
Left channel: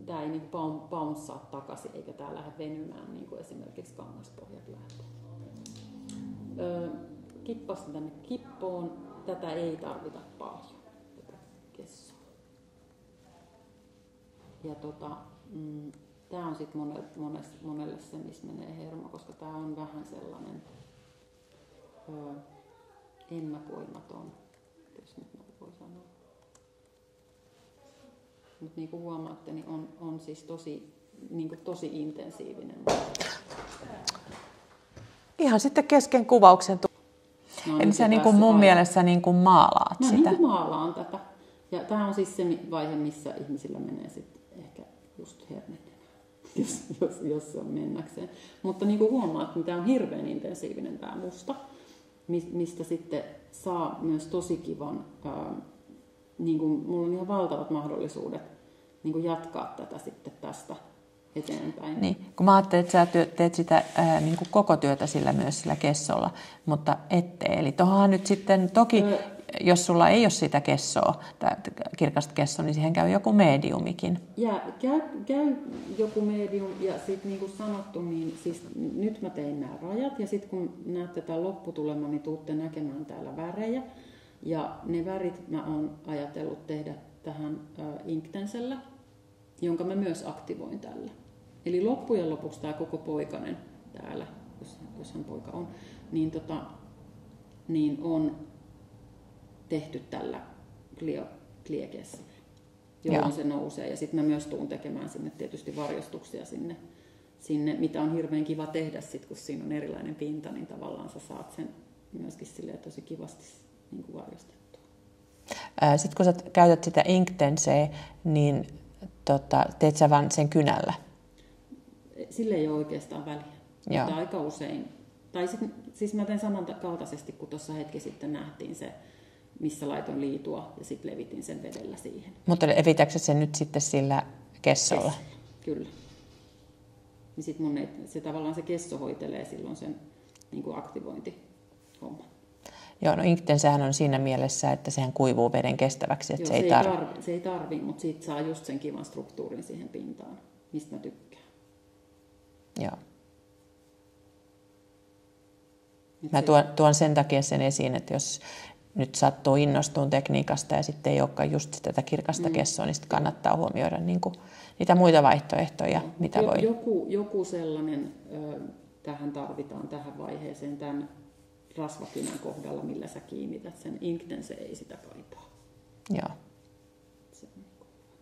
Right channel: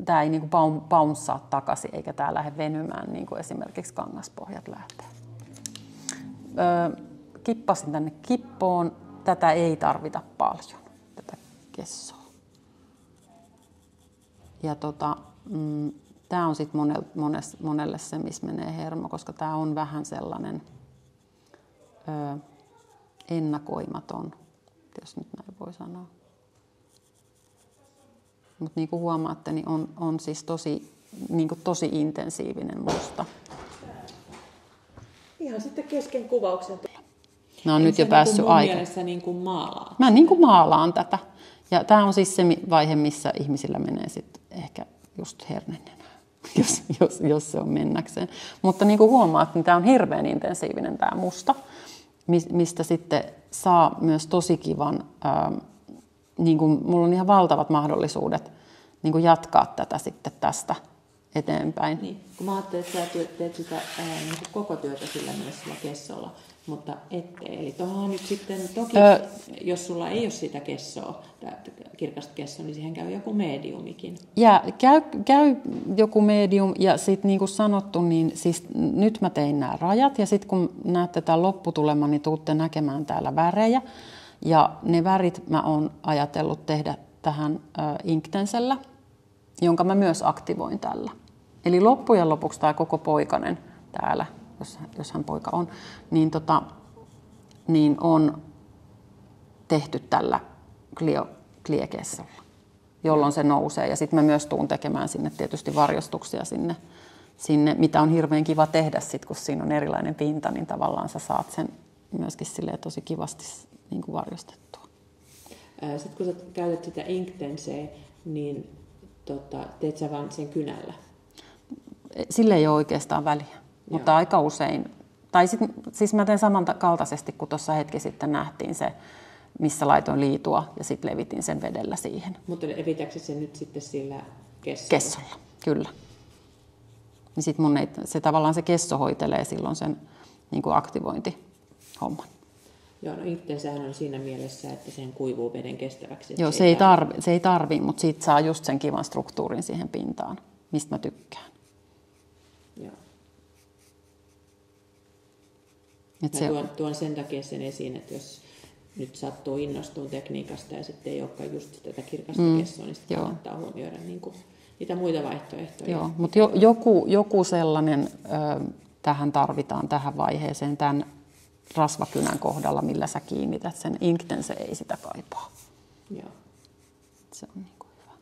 tämä ei niin kuin bouncea takaisin, eikä tämä lähde venymään, niin kuin esimerkiksi kangaspohjat lähtee. Kippasin tänne kippoon. Tätä ei tarvita paljon, tätä kessoa. Ja tämä on sitten monelle se, missä menee hermo, koska tämä on vähän sellainen ennakoimaton, jos nyt näin voi sanoa. Mutta niin kuin huomaatte, niin on siis tosi intensiivinen musta. Ihan sitten kesken kuvauksen. No, nyt jo päässyt mun mielessä niin kuin maalaat Mä niin kuin maalaan tätä. Ja tämä on siis se vaihe, missä ihmisillä menee sitten ehkä just hernenenä, jos se on mennäkseen. Mutta niin kuin huomaat, niin tämä on hirveän intensiivinen tämä musta, mistä sitten saa myös tosi kivan, niin kuin mulla on ihan valtavat mahdollisuudet niin kuin jatkaa tätä sitten tästä eteenpäin. Niin, kun mä ajattelin, että sä teet sitä niin kuin koko työtä sillä myös sillä kessolla, mutta ette. Eli tuohonhan nyt sitten toki, jos sulla ei ole sitä kessoa, kirkasta kessoa, niin siihen käy joku mediumikin. Ja käy joku medium, ja sitten niin kuin sanottu, niin siis nyt mä tein nämä rajat, ja sitten kun näette tämän lopputuleman, niin tuutte näkemään täällä värejä. Ja ne värit mä oon ajatellut tehdä tähän Inktenselllä, jonka mä myös aktivoin tällä. Eli loppujen lopuksi tämä koko poikanen täällä, jos hän poika on, niin on tehty tällä kliekessolla, jolloin se nousee. Ja sitten mä myös tuun tekemään sinne tietysti varjostuksia sinne, mitä on hirveän kiva tehdä sit, kun siinä on erilainen pinta, niin tavallaan sä saat sen myöskin tosi kivasti niin kuin varjostettua. Sitten kun sä käytät sitä Inktenseä, niin teet sä vaan sen kynällä? Sille ei ole oikeastaan väliä, mutta aika usein. Tai siis mä teen samankaltaisesti kuin tuossa hetki sitten nähtiin se, missä laitoin liitua ja sitten levitin sen vedellä siihen. Mutta levitätkö sen nyt sitten sillä kessolla? Kessolla, kyllä. Niin sit se tavallaan se kesso hoitelee silloin sen niin kuin aktivointihomman. Joo, no Inktensehän on siinä mielessä, että sehän kuivuu veden kestäväksi. Joo, se ei tarvi, mutta siitä saa just sen kivan struktuurin siihen pintaan, mistä mä tykkään. Joo. Mä tuon sen takia sen esiin, että jos nyt sattuu innostuun tekniikasta ja sitten ei olekaan just tätä kirkasta kessoa, niin sitten kannattaa huomioida niin kuin niitä muita vaihtoehtoja. Joo, mutta joku sellainen tähän tarvitaan tähän vaiheeseen tämän rasvakynän kohdalla, millä sä kiinnität sen. Inktense ei sitä kaipaa. Joo. Se on niin kuin hyvä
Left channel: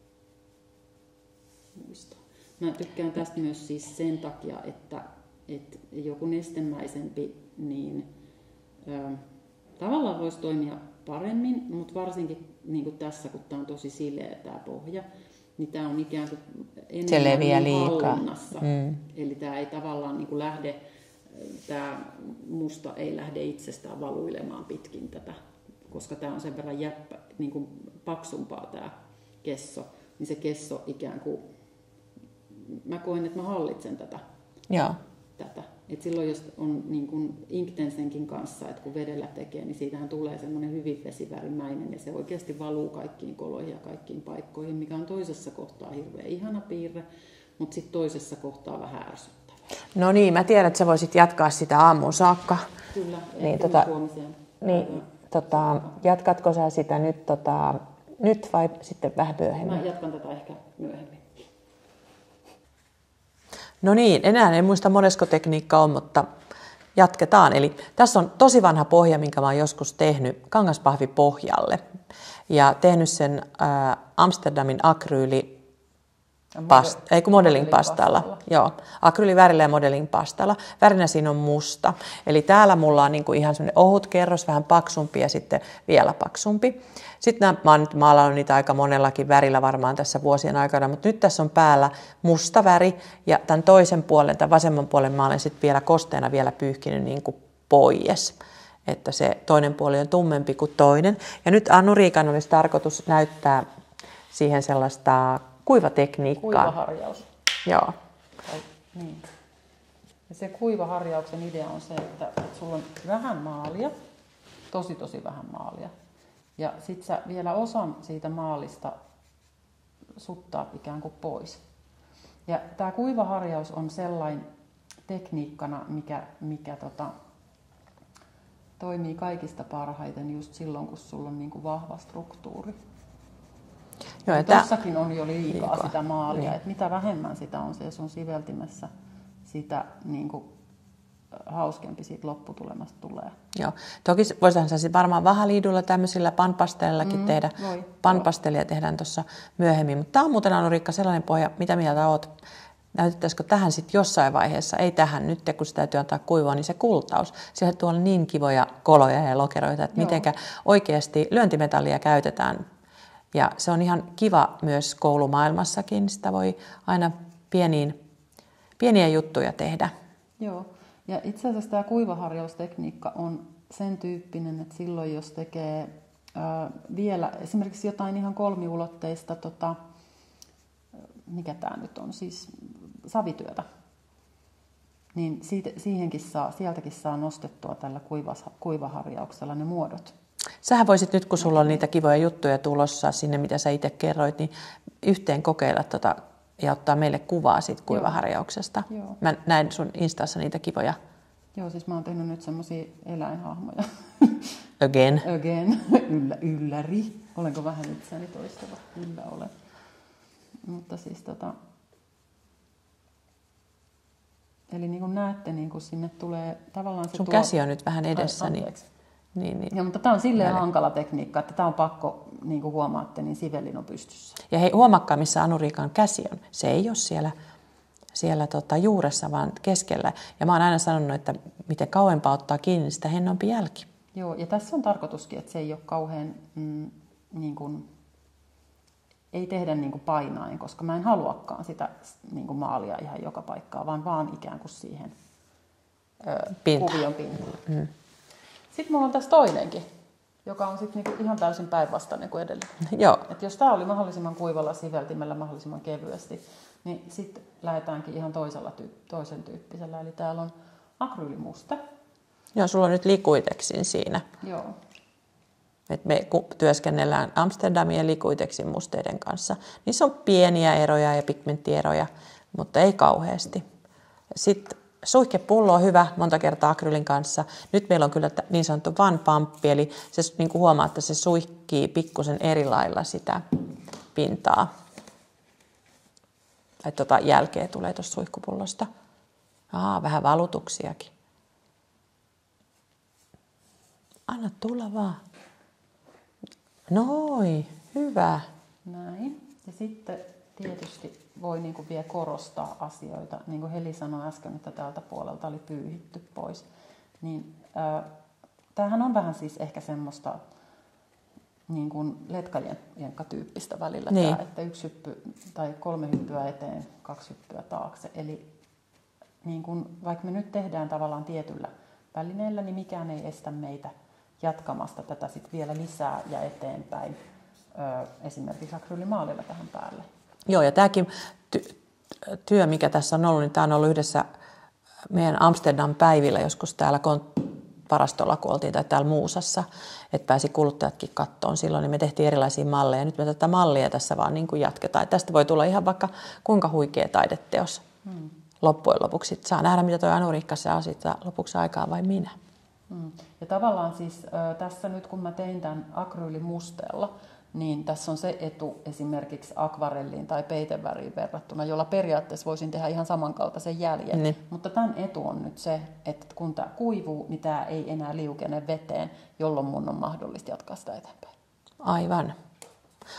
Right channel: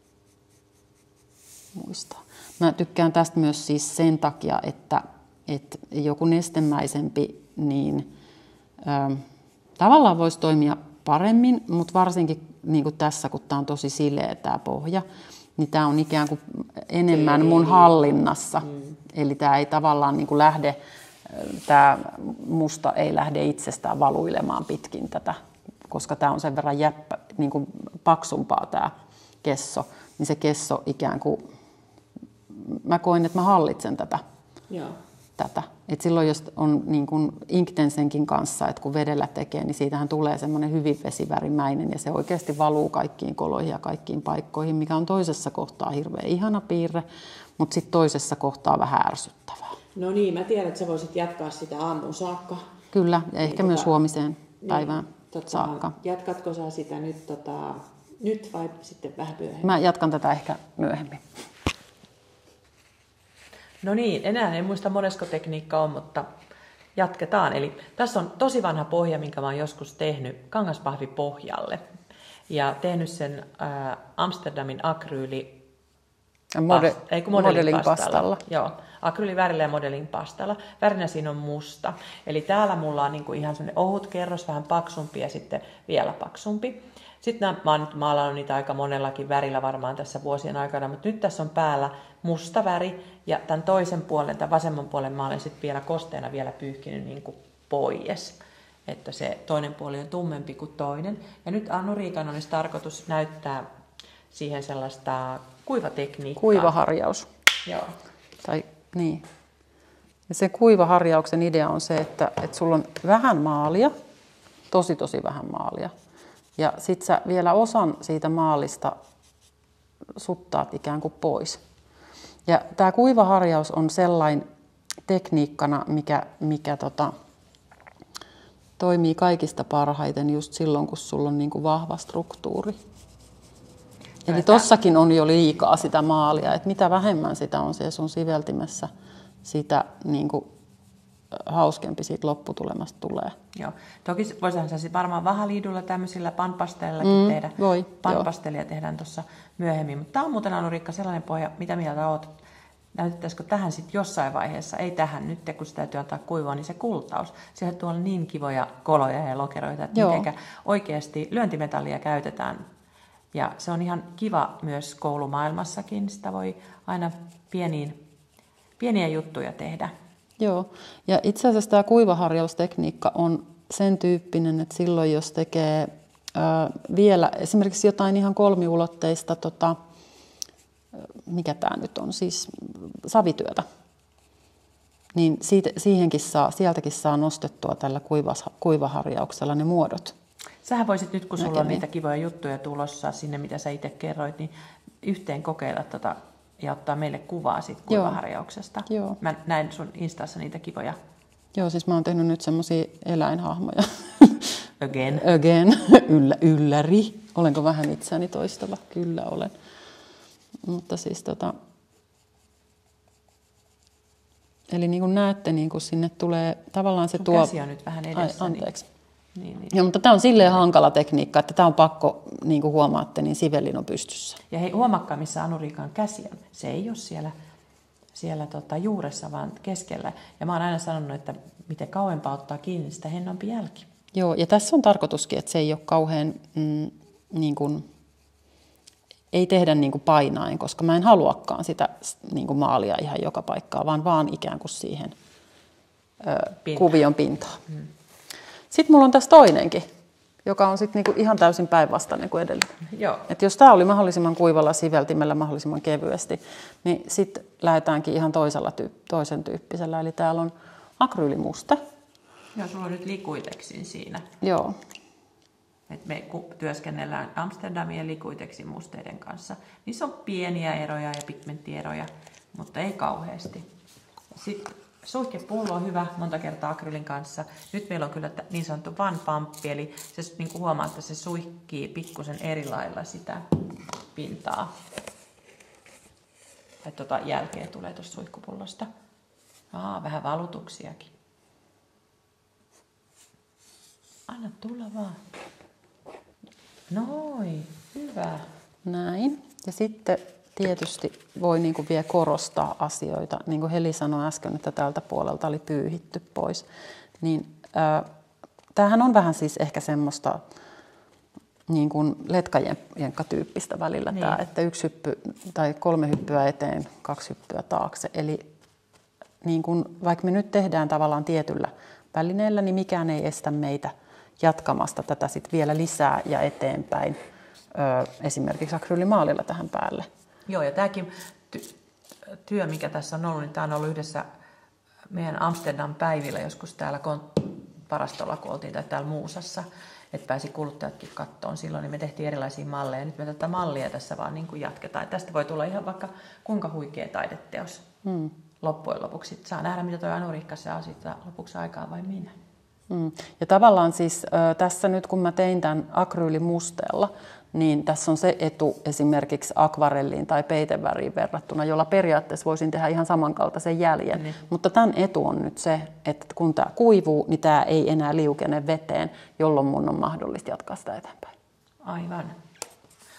muistaa. Mä tykkään tästä myös siis sen takia, että joku nestemäisempi, niin tavallaan voisi toimia paremmin, mutta varsinkin niin kuin tässä, kun tämä on tosi sileä tämä pohja, niin tämä on ikään kuin enemmän mun hallinnassa. Eli tämä ei tavallaan niin kuin lähde, tämä musta ei lähde itsestään valuilemaan pitkin tätä, koska tämä on sen verran niin kuin paksumpaa tämä kesso, niin se kesso ikään kuin, mä koin, että mä hallitsen tätä. Joo. Et silloin jos on niin kuin Inktensenkin kanssa, että kun vedellä tekee, niin siitähän tulee semmoinen hyvin vesivärimäinen ja se oikeasti valuu kaikkiin koloihin ja kaikkiin paikkoihin, mikä on toisessa kohtaa hirveän ihana piirre, mutta sitten toisessa kohtaa vähän ärsyttävää. No niin, mä tiedän, että sä voisit jatkaa sitä aamuun saakka. Kyllä, ja niin, ehkä myös huomiseen päivään saakka. Jatkatko sä sitä nyt vai sitten vähän myöhemmin? Mä jatkan tätä ehkä myöhemmin. No niin, enää en muista monesko tekniikka on, mutta jatketaan. Eli tässä on tosi vanha pohja, minkä mä oon joskus tehnyt kangaspahvipohjalle. ja tehnyt sen Amsterdamin Modelling pastalla. Joo, akryylivärillä ja modelling pastalla. Värinä siinä on musta. Eli täällä mulla on niinku ihan semmoinen ohut kerros, vähän paksumpi ja sitten vielä paksumpi. Sitten mä oon nyt maalannut niitä aika monellakin värillä varmaan tässä vuosien aikana, mutta nyt tässä on päällä musta väri ja tämän toisen puolen, tämän vasemman puolen mä olen sitten vielä kosteena vielä pyyhkinyt niinku pois. Että se toinen puoli on tummempi kuin toinen. Ja nyt Anuriikan olisi tarkoitus näyttää siihen sellaista kuivatekniikkaa. Kuivaharjaus. Joo. Tai, niin. Ja se kuivaharjauksen idea on se, että sulla on vähän maalia, tosi vähän maalia. Ja sit sä vielä osan siitä maalista suttaat ikään kuin pois. Ja tää kuivaharjaus on sellainen tekniikkana, mikä toimii kaikista parhaiten just silloin, kun sulla on niinku vahva struktuuri. Eli tossakin on jo liikaa sitä maalia, että mitä vähemmän sitä on siellä sun siveltimessä, sitä niinku hauskempi siitä lopputulemasta tulee. Joo. Toki voisihan se varmaan vahaliidulla tämmöisillä panpastellillakin tehdä. Panpastelia tehdään tuossa myöhemmin. Mutta tämä on muuten, Anuriikka, sellainen pohja, mitä mieltä oot? Näytettäisikö tähän sitten jossain vaiheessa, ei tähän nyt, kun sitä täytyy antaa kuivua, niin se kultaus. Siellä tuolla on niin kivoja koloja ja lokeroita, että mitenkä oikeasti lyöntimetallia käytetään. Ja se on ihan kiva myös koulumaailmassakin. Sitä voi aina pieniä juttuja tehdä. Joo, ja itse asiassa tämä kuivaharjaustekniikka on sen tyyppinen, että silloin jos tekee vielä esimerkiksi jotain ihan kolmiulotteista, mikä tämä nyt on, siis savityötä, niin sieltäkin saa nostettua tällä kuivaharjauksella ne muodot. Sähän voisit nyt, kun sulla on niitä kivoja juttuja tulossa sinne, mitä sä itse kerroit, niin yhteen kokeilla ja ottaa meille kuvaa siitä kuivaharjauksesta. Joo. Mä näin sun Instassa niitä kivoja. Joo, siis mä oon tehnyt nyt semmosia eläinhahmoja. Again. Ylläri. Olenko vähän itseäni toistava? Kyllä olen. Mutta siis eli niin kuin näette, niin kuin sinne tulee tavallaan se sun käsi on nyt vähän edessä. Anteeksi. Niin. Joo, mutta tämä on silleen hankala tekniikka, että tämä on pakko, niin kuin huomaatte, niin sivellin on pystyssä. Ja hei, huomakkaa, missä Anuriikan käsi on. Se ei ole siellä juuressa, vaan keskellä. Ja mä oon aina sanonut, että miten kauempaa ottaa kiinni, sitä hennompi jälki. Joo, ja tässä on tarkoituskin, että se ei ole kauhean, niin kuin, ei tehdä niin kuin painaen, koska mä en haluakaan sitä niin kuin maalia ihan joka paikkaan, vaan ikään kuin siihen kuvion pintaan. Sitten mulla on tässä toinenkin, joka on sitten niinku ihan täysin päinvastainen kuin edellinen. Joo. Et jos tämä oli mahdollisimman kuivalla siveltimellä mahdollisimman kevyesti, niin sitten lähdetäänkin ihan toisen tyyppisellä. Eli täällä on akryylimusta. Joo, sulla on nyt Liquitexin siinä. Joo. Et me työskennellään Amsterdamin ja Liquitexin musteiden kanssa. Niissä on pieniä eroja ja pigmenttieroja, mutta ei kauheasti. Sitten suihkepullo on hyvä monta kertaa akryylin kanssa. Nyt meillä on kyllä niin sanottu one pumppi, eli se, niin kuin huomaa, että se suihkii pikkusen eri lailla sitä pintaa. Tai jälkeä tulee tuosta suihkupullosta. Vähän valutuksiakin. Anna tulla vaan. Noin, hyvä. Näin. Ja sitten tietysti voi niin kuin vielä korostaa asioita. Niin kuin Heli sanoi äsken, että tältä puolelta oli pyyhitty pois. Niin, tämähän on vähän siis ehkä semmoista niin kuin letkajenkka-tyyppistä välillä. Niin. Tämä, että 1 hyppy tai 3 hyppyä eteen, 2 hyppyä taakse. Eli niin kuin, vaikka me nyt tehdään tavallaan tietyllä välineellä, niin mikään ei estä meitä jatkamasta tätä sit vielä lisää ja eteenpäin. Esimerkiksi akryylimaalilla tähän päälle. Joo, ja tämäkin työ, mikä tässä on ollut, niin tämä on ollut yhdessä meidän Amsterdam-päivillä joskus täällä varastolla, kun oltiin, tai täällä Muusassa, että pääsi kuluttajatkin kattoon silloin, niin me tehtiin erilaisia malleja. Nyt me tätä mallia tässä vaan niin kuin jatketaan. Tästä voi tulla ihan vaikka kuinka huikea taideteos loppujen lopuksi. Saa nähdä, mitä tuo Anuriikka saa siitä lopuksi aikaan vai minä. Ja tavallaan siis tässä nyt, kun mä tein tämän akryylimusteella, niin tässä on se etu esimerkiksi akvarelliin tai peiteväriin verrattuna, jolla periaatteessa voisin tehdä ihan samankaltaisen jäljen. Niin. Mutta tämän etu on nyt se, että kun tämä kuivuu, niin tämä ei enää liukene veteen, jolloin mun on mahdollista jatkaa sitä eteenpäin. Aivan.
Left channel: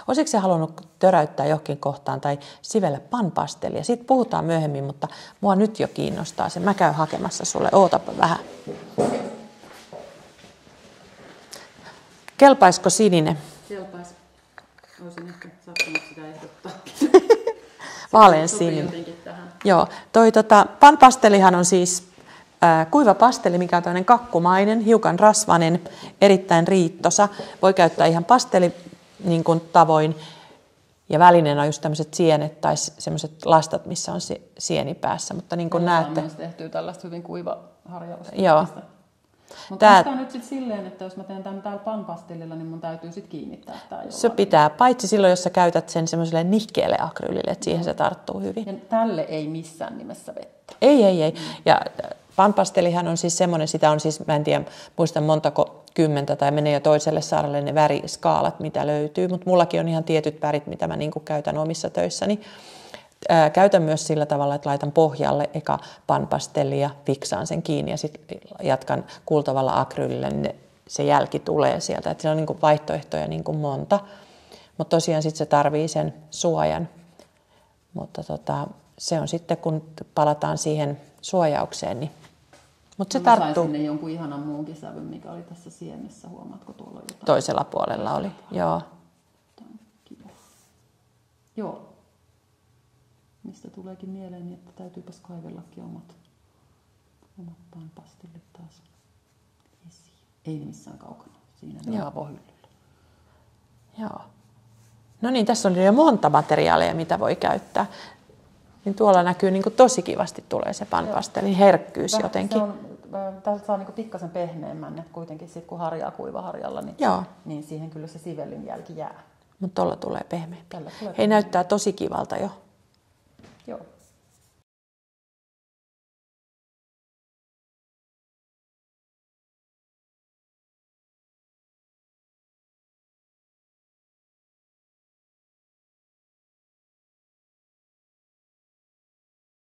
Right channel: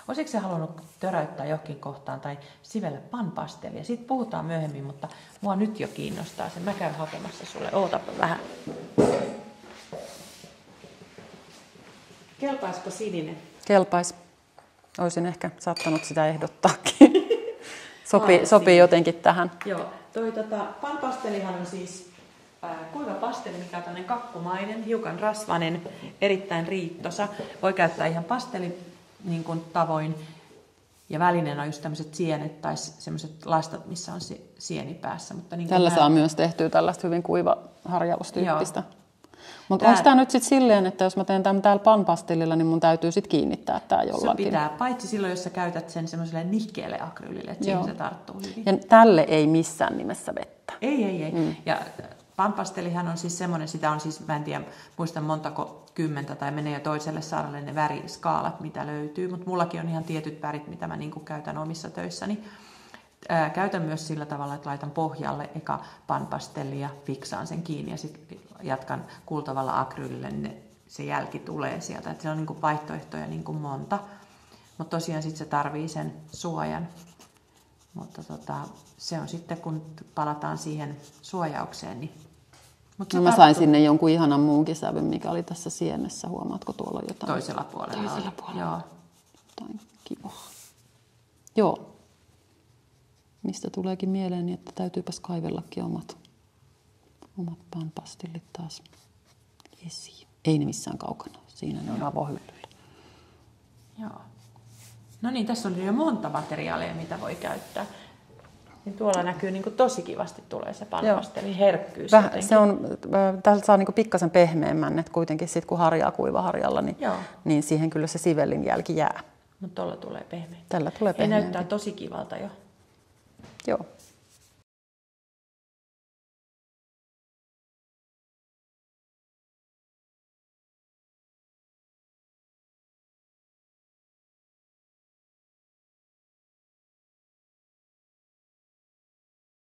Olisitko sä halunnut töräyttää johonkin kohtaan tai sivellä panpastelia? Siitä puhutaan myöhemmin, mutta mua nyt jo kiinnostaa se. Mä käyn hakemassa sulle. Ootapa vähän. Kelpaisiko sininen? Kelpais. Olisin ehkä saattanut sitä ehdottaakin. Sopii jotenkin tähän. Joo. Panpastelihan on siis kuiva pasteli, mikä on tämmöinen kakkumainen, hiukan rasvainen, erittäin riittosa. Voi käyttää ihan pasteli niin kuin tavoin. Ja välineenä on just tämmöiset sienet tai semmoiset lastat, missä on sieni päässä. Mutta niin tällä saa myös tehtyä tällaista hyvin kuiva-harjalustyyppistä. Mutta onko tämä nyt sitten silleen, että jos mä teen tämän täällä panpastelilla, niin mun täytyy sitten kiinnittää tämä jollain? Se pitää, paitsi silloin, jos sä käytät sen semmoiselle nihkeelle akryylille, että siihen se tarttuu hyvin. Ja tälle ei missään nimessä vettä. Ei. Ja panpastelihan on siis semmoinen, sitä on siis, mä en tiedä, muistan montako 10 tai menee jo toiselle saaralle ne väriskaalat, mitä löytyy. Mutta mullakin on ihan tietyt värit, mitä mä niinku käytän omissa töissäni. Käytän myös sillä tavalla, että laitan pohjalle eka panpastelli ja fiksaan sen kiinni ja sitten jatkan kultavalla akryylillä, niin se jälki tulee sieltä. Että siinä on niinku vaihtoehtoja niinku monta, mutta tosiaan sitten se tarvii sen suojan. Mutta se on sitten, kun palataan siihen suojaukseen, niin mutta mä sain sinne jonkun ihanan muunkin sävyn, mikä oli tässä sienessä. Huomaatko tuolla jotain? Toisella puolella oli. Joo. Jotain kivaa. Joo. Mistä tuleekin mieleeni, että täytyypäs kaivellakin omat panpastillit taas esiin. Ei ne missään kaukana. Siinä ne on avohyllyllä. Joo. No niin, tässä on jo monta materiaalia, mitä voi käyttää. Niin tuolla näkyy niin kuin tosi kivasti tulee se panpastelin herkkyys jotenkin. Täältä saa niin kuin pikkasen pehmeämmän, että kuitenkin sit, kun harjaa kuivaharjalla, niin siihen kyllä se sivellin jälki jää. Mutta tuolla tulee pehmeä. Tällä tulee pehmeä. Ei näyttää tosi kivalta jo. Joo.